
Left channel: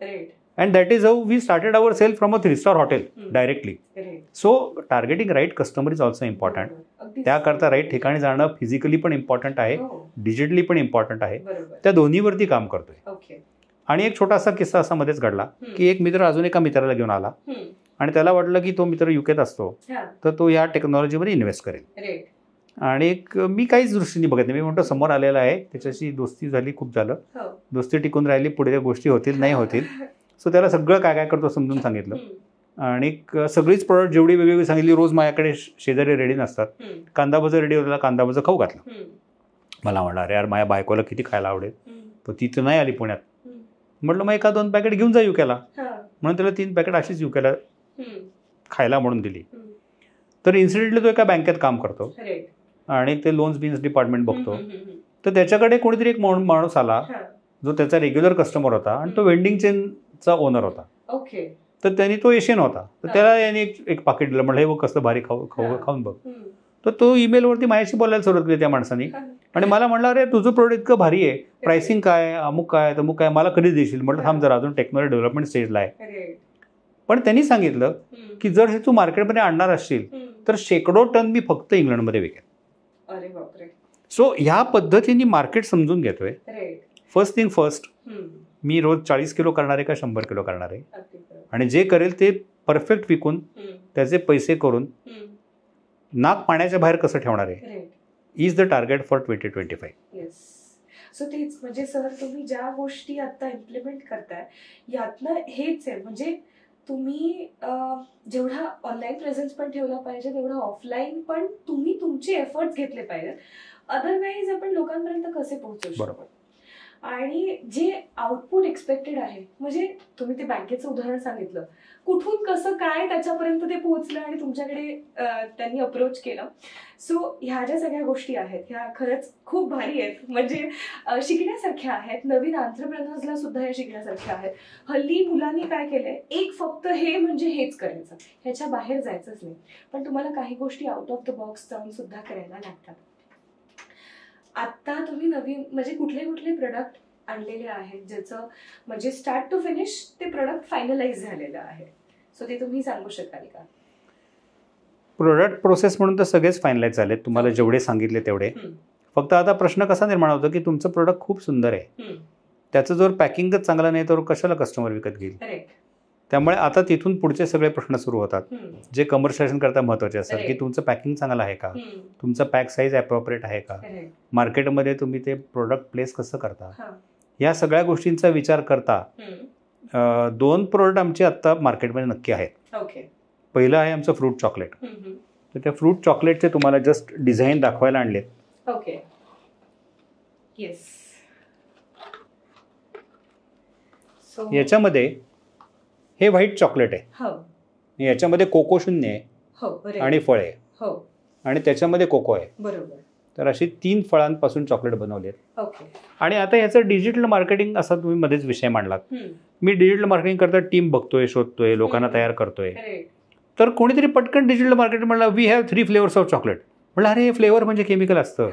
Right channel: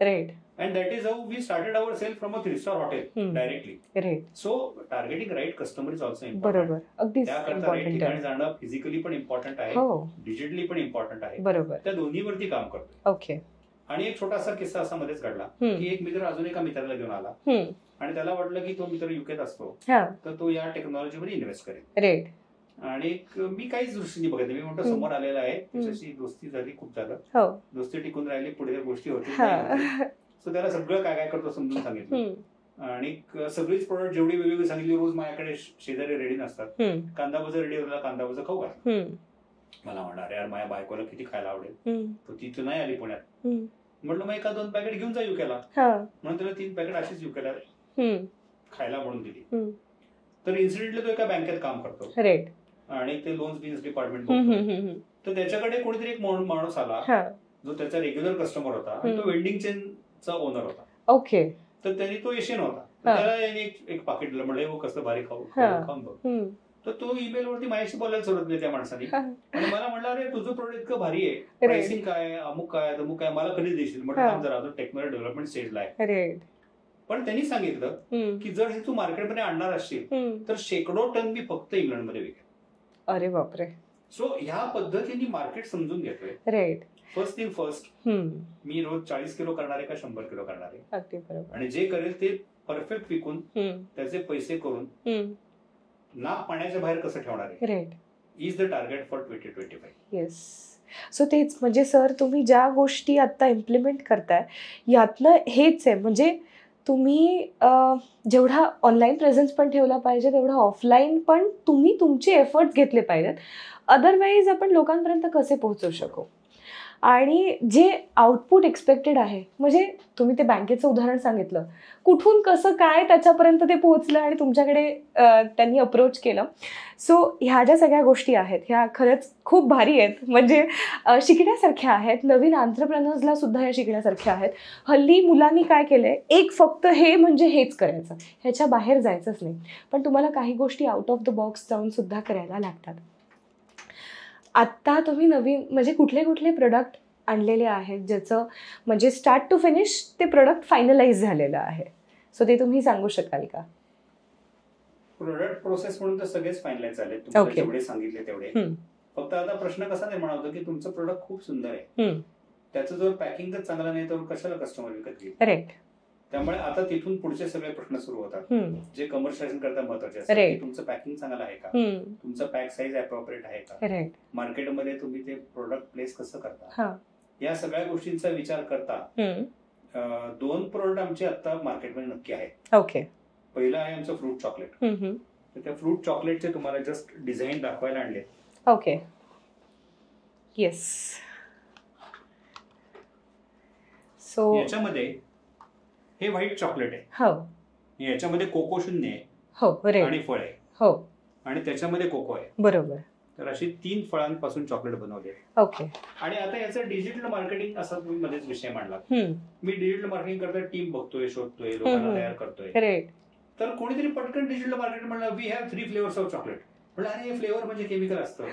Right. And that is how we started our sale from a 3-star hotel directly. Right. So targeting right customer is also important. त्याकरता राईट ठिकाणी जाणं फिजिकली पण इम्पॉर्टंट आहे, डिजिटली पण इम्पॉर्टंट आहे. त्या दोन्हीवरती काम करतोय. ओके. आणि एक छोटासा किस्सा असा मध्येच घडला की एक मित्र अजून एका मित्राला घेऊन आला आणि त्याला वाटलं की तो मित्र UKत असतो तर तो या टेक्नॉलॉजीमध्ये इन्व्हेस्ट करेल. आणि मी काहीच दृष्टीने बघत नाही. मी म्हणतो समोर आलेला आहे, त्याच्याशी दोस्ती झाली, खूप झालं, दोस्ती टिकून राहिली, पुढे त्या गोष्टी होतील नाही होतील. सो त्याला सगळं काय काय करतो समजून सांगितलं आणि सगळीच प्रोडक्ट जेवढी वेगवेगळी सांगितली. रोज माझ्याकडे शेजारी रेडी नसतात. कांदा भजी रेडी होता, कांदा भजी खाऊ घातला. मला म्हणला अरे यार माझ्या बायकोला किती खायला आवडेल, पण ती तर नाही आली पुण्यात. म्हटलं मग 1-2 पॅकेट घेऊन जा UKला. म्हणून त्याला 3 पॅकेट अशीच UKला खायला म्हणून दिली. तर इन्सिडेंटली तो एका बँकेत काम करतो आणि ते लोन्स बिन्स डिपार्टमेंट बघतो. तर त्याच्याकडे कोणीतरी एक माणूस आला जो त्याचा रेग्युलर कस्टमर होता आणि तो वेंडिंग चेनचा ओनर होता. ओके. तर त्यांनी तो एशियन होता, तर त्याला यांनी एक पाकिट दिलं. म्हटलं हे बघ कसं भारी खाऊन बघ. तर तो ईमेलवरती माझ्याशी बोलायला सुरुवात केली त्या माणसाने आणि मला म्हणला अरे तुझं प्रोडक्ट इतकं भारी आहे, प्राइसिंग काय, अमुक काय तमुक काय, मला कधी देशील. म्हटलं थांब जरा, अजून टेक्नॉलॉजी डेव्हलपमेंट स्टेजला आहे. पण त्यांनी सांगितलं की जर हे तू मार्केटमध्ये आणणार असशील तर शेकडो टन मी फक्त इंग्लंडमध्ये विकेल. अरे बापरे. सो ह्या पद्धतीने मार्केट समजून घेतोय. राईट. फर्स्ट थिंग फर्स्ट, मी रोज 40 किलो करणार आहे का 100 किलो करणार आहे, अगदी बरोबर. आणि जे करेल ते परफेक्ट विकून त्याचे पैसे करून नाक पाण्याच्या बाहेर कसं ठेवणार आहे, right. Is the target for 2025. Yes. So तेच म्हणजे सर तुम्ही ज्या गोष्टी आता इम्प्लिमेंट करताय यातनं हेच आहे, म्हणजे तुम्ही जेवढा ऑनलाईन प्रेझेन्स पण ठेवला पाहिजे तेवढा ऑफलाईन पण तुम्ही तुमचे एफर्ट्स घेतले पाहिजेत. अदरवाईज आपण लोकांपर्यंत कसे पोहोचू शकतो. आणि जे आउटपुट एक्सपेक्टेड आहे, म्हणजे तुम्ही ते बँकेचं उदाहरण सांगितलं, कुठून कसं काय त्याच्यापर्यंत ते पोहोचलं आणि तुमच्याकडे त्यांनी अप्रोच केलं. सो ह्या ज्या सगळ्या गोष्टी आहेत ह्या खरंच खूप भारी आहेत, म्हणजे शिकण्यासारख्या आहेत. नवीन एंटरप्रेन्योर्सला सुद्धा या शिकण्यासारख्या आहेत. हल्ली मुलांनी काय केलंय, एक फक्त हे म्हणजे हेच करायचं, ह्याच्या बाहेर जायचंच नाही. पण तुम्हाला काही गोष्टी आउट ऑफ द बॉक्स जाऊन सुद्धा करायला लागतात. आत्ता तुम्ही नवीन म्हणजे कुठले कुठले प्रोडक्ट आणलेले आहेत ज्याचं म्हणजे स्टार्ट टू फिनिश ते प्रोडक्ट फायनलाइज झालेलं आहे, सो ते तुम्ही सांगू शकाल का? प्रोडक्ट प्रोसेस म्हणून तर सगळेच फायनलाइज झाले तुम्हाला, जेवढे सांगितले तेवढे. फक्त आता प्रश्न कसा निर्माण होतो की तुमचं प्रोडक्ट खूप सुंदर आहे, त्याचं जर पॅकिंगच चांगलं नाही तर कशाला कस्टमर विकत घेईल. राईट. त्यामुळे आता तिथून पुढचे सगळे प्रश्न सुरू होतात, जे कमर्शियलायझेशन करता महत्वाचे असतात, की तुमचं पॅकिंग चांगलं आहे का, तुमचं पॅक साईज अप्रोप्रिएट आहे का, मार्केटमध्ये तुम्ही ते प्रोडक्ट प्लेस कसं करता, या सगळ्या गोष्टींचा विचार करता 2 प्रोडक्ट आमचे आता मार्केटमध्ये नक्की आहेत. ओके. पहिलं आहे आमचं फ्रूट चॉकलेट. तर त्या फ्रूट चॉकलेटचे तुम्हाला जस्ट डिझाईन दाखवायला आणले. ओके. येस. सो याच्यामध्ये हे व्हाईट चॉकलेट आहे. हो. याच्यामध्ये कोको शून्य आहे. हो. आणि फळ आहे. हो. आणि त्याच्यामध्ये कोको आहे. बरोबर. तर अशी 3 फळांपासून चॉकलेट बनवले. ओके. आणि आता याचं डिजिटल मार्केटिंग असा तुम्ही मध्येच विषय मांडलात. मी डिजिटल मार्केटिंग करता टीम बघतोय, शोधतोय, लोकांना तयार करतोय. तर कोणीतरी पटकन डिजिटल मार्केटिंग म्हणलं we have 3 flavours of chocolate. म्हणलं अरे हे फ्लेवर म्हणजे केमिकल असतं.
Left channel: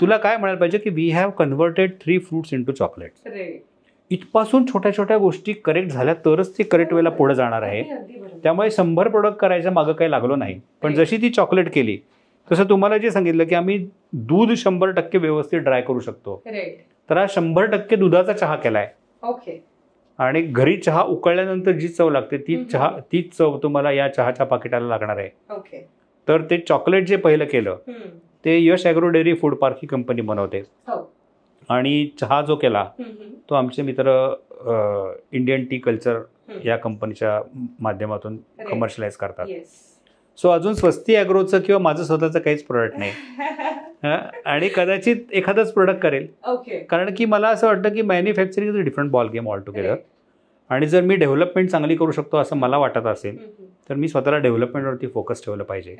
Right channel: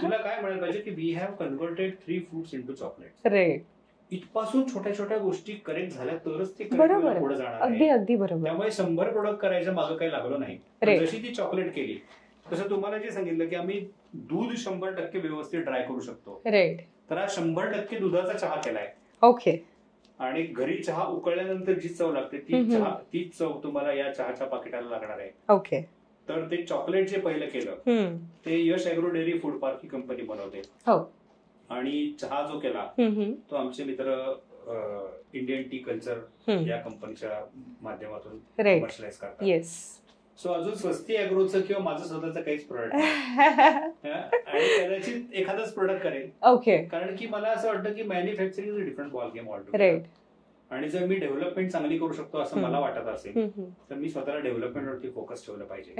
तुला काय म्हणायला पाहिजे की we have converted 3 fruits into chocolate. इथपासून छोट्या छोट्या गोष्टी करेक्ट झाल्या तरच ते करेक्ट वेळेला पुढे जाणार आहे. त्यामुळे 100 प्रोडक्ट करायच्या मागं काही लागलो नाही. पण जशी ती चॉकलेट केली तसं तुम्हाला जे सांगितलं की आम्ही दूध 100% व्यवस्थित ड्राय करू शकतो. तर हा 100% दुधाचा चहा केलाय. ओके. आणि घरी चहा उकळल्यानंतर जी चव लागते तीच चव तुम्हाला या चहाच्या पाकिटाला लागणार आहे. ओके. तर ते चॉकलेट जे पहिलं केलं ते यश ॲग्रो डेअरी फूड पार्क ही कंपनी बनवते. आणि चहा जो केला तो आमचे मित्र इंडियन टी कल्चर या कंपनीच्या माध्यमातून कमर्शियलाइज करतात. सो अजून स्वस्ती ॲग्रोचं किंवा माझं स्वतःचं काहीच प्रोडक्ट नाही. आणि कदाचित एखादाच प्रोडक्ट करेल. कारण की मला असं वाटतं की manufacturing is a different ball game all together. आणि जर मी डेव्हलपमेंट चांगली करू शकतो असं मला वाटत असेल तर मी स्वतःला डेव्हलपमेंटवरती फोकस ठेवलं पाहिजे.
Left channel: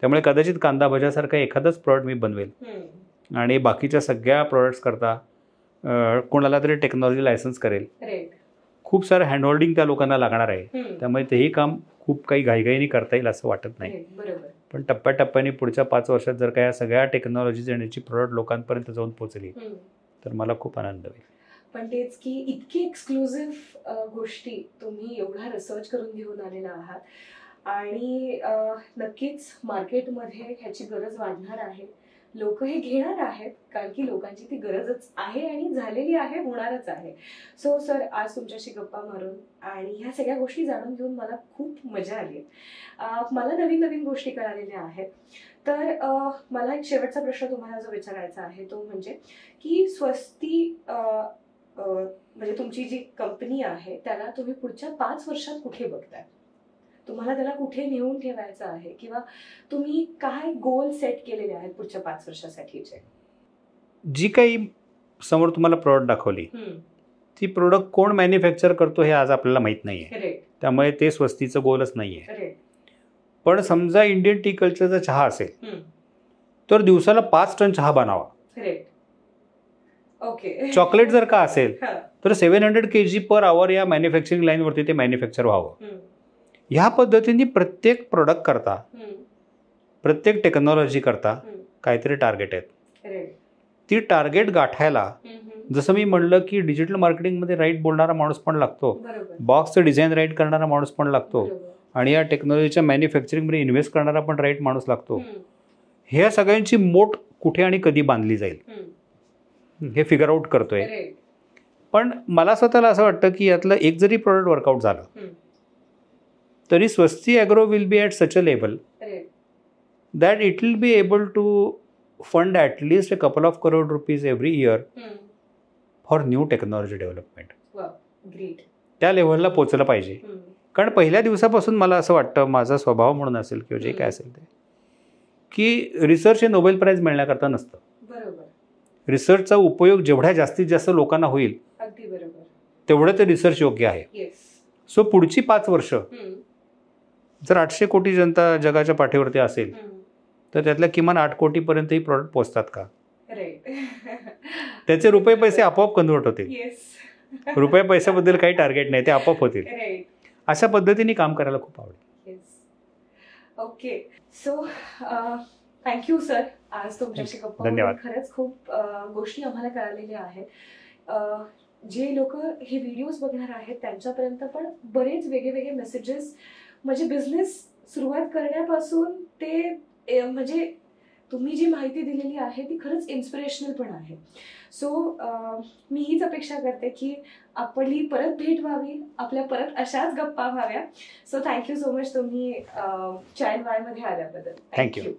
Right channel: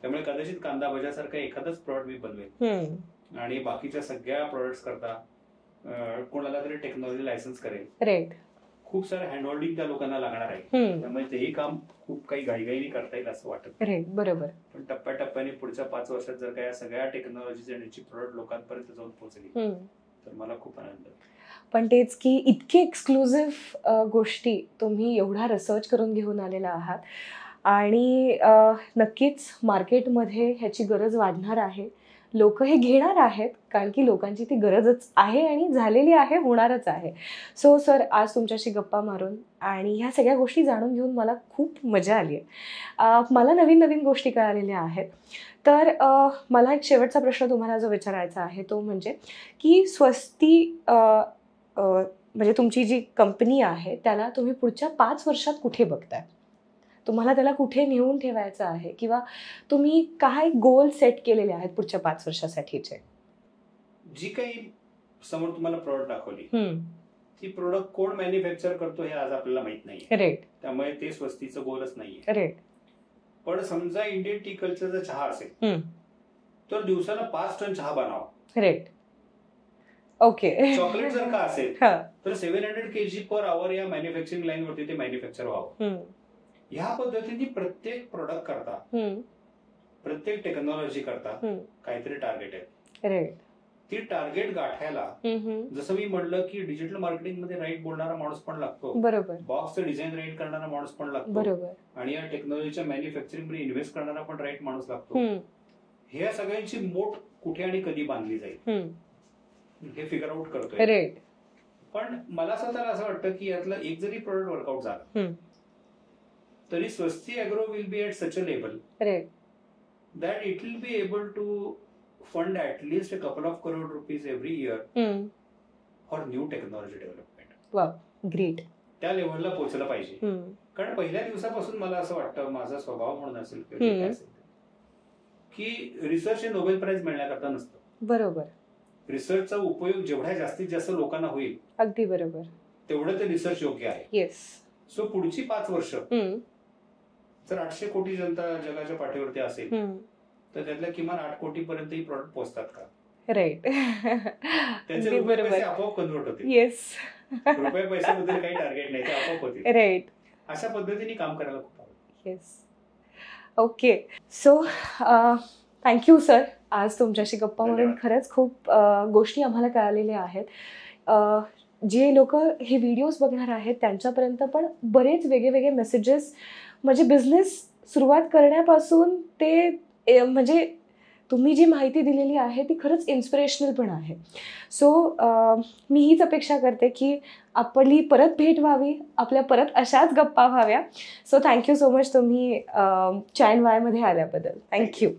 त्यामुळे कदाचित कांदा भज्यासारखं एखादंच प्रोडक्ट मी बनवेल आणि बाकीच्या सगळ्या प्रोडक्ट्स करता कोणाला तरी टेक्नॉलॉजी लायसन्स करेल. खूप सारं हँडहोल्डिंग त्या लोकांना लागणार आहे. त्यामुळे तेही काम खूप काही घाईघाईने करता येईल असं वाटत नाही. बरोबर. पण टप्प्याटप्प्याने पुढच्या 5 वर्षात जर का या सगळ्या टेक्नॉलॉजी येण्याची प्रोडक्ट लोकांपर्यंत जाऊन पोहोचली तर मला खूप आनंद होईल. पण तेच की इतकी एक्सक्लुझिव्ह गोष्टी तुम्ही एवढा रिसर्च करून घेऊन आलेला आहात आणि नक्कीच मार्केटमध्ये ह्याची गरज वाढणार आहे. लोक हे घेणार आहेत कारण की लोकांची ती गरजच आहे आणि झालेली आहे, होणारच आहे. सो सर आज तुमच्याशी गप्पा मारून आणि ह्या सगळ्या गोष्टी जाणून घेऊन मला खूप मजा आली आहे. मला नवीन नवीन गोष्टी कळालेल्या आहेत. तर मला एक शेवटचा प्रश्न तुम्हाला जो विचारायचा आहे तो म्हणजे की स्वस्ती म्हणजे तुमची जी कंपनी आहे त्याला तुम्ही पुढच्या 5 वर्षात कुठे बघताय? तुम्हाला त्याला कुठे नेऊन ठेवायचं आहे किंवा तुम्ही काय गोल सेट केलेले आहेत पुढच्या 5 वर्षासाठीचे? जी काही समोर तुम्हाला प्रोडक्ट दाखवली ती प्रोडक्ट कोण मॅन्युफॅक्चर करतो हे आज आपल्याला माहित नाहीये. त्यामुळे ते स्वस्तीचं गोलच नाहीये. पण समजा इंडियन टी कल्चरचा चहा असेल तर दिवसाला 5 टन चहा बनावा. ओके. चॉकलेट जर का असेल तर 700 kg पर आवर या मॅन्युफॅक्चरिंग लाईन वरती ते मॅन्युफॅक्चर व्हावं. ह्या पद्धतीने प्रत्येक प्रोडक्ट करता प्रत्येक टेक्नॉलॉजी करता काहीतरी टार्गेट आहेत. ती टार्गेट गाठायला जसं मी म्हणलं की डिजिटल मार्केटिंगमध्ये राईट बोलणारा माणूस पण लागतो, बॉक्सचं डिझाईन राईट करणारा माणूस पण लागतो आणि या टेक्नॉलॉजीच्या मॅन्युफॅक्चरिंगमध्ये इन्व्हेस्ट करणारा पण राईट माणूस लागतो. ह्या सगळ्यांची मोठ कुठे आणि कधी बांधली जाईल हे फिगर आउट करतोय. पण मला स्वतःला असं वाटतं की यातलं एक जरी प्रोडक्ट वर्कआउट झालं तरी Swasti agro will be at such a level that it will be able to fund at least a couple of crore rupees every year for new technology development. Great. त्या लेवलला पोहोचलं पाहिजे. कारण पहिल्या दिवसापासून मला असं वाटतं, माझा स्वभाव म्हणून असेल किंवा जे काय असेल ते, की रिसर्च हे नोबेल प्राइज मिळण्याकरता नसतं. बरोबर. रिसर्चचा उपयोग जेवढ्या जास्तीत जास्त लोकांना होईल अगदी बरोबर तेवढं ते रिसर्च योग्य आहे. येस. सो पुढची 5 वर्ष जर 800 कोटी जनता जगाच्या पाठीवरती असेल तर त्यातल्या किमान 8 कोटीपर्यंत ही प्रॉडक्ट पोहोचतात का? राईट. त्याचे रुपये पैसे आपोआप कन्वर्ट होतील. येस. रुपये पैशाबद्दल काही टार्गेट नाही, ते आपोआप होतील. राईट. अशा पद्धतीने काम करायला खूप आवडेल. Yes. Okay. So thank you sir. आज तुमच्याशी गप्पा मारून खरंच खूप गोष्टी आम्हाला कळालेल्या आहेत. जे लोक हे व्हिडिओज बघणार आहेत त्यांच्यापर्यंत पण बरेच वेगळे मेसेजेस, म्हणजे बिझनेस सुरुवात करण्यापासून ते म्हणजे तुम्ही जी माहिती दिलेली आहे ती खरंच इन्स्पिरेशनल पण आहे. सो मी हीच अपेक्षा करते की आपली परत भेट व्हावी, आपल्या परत अशाच गप्पा व्हाव्या. सो थँक्यू सो मच तुम्ही चॅन वायमध्ये आल्याबद्दल. थँक्यू.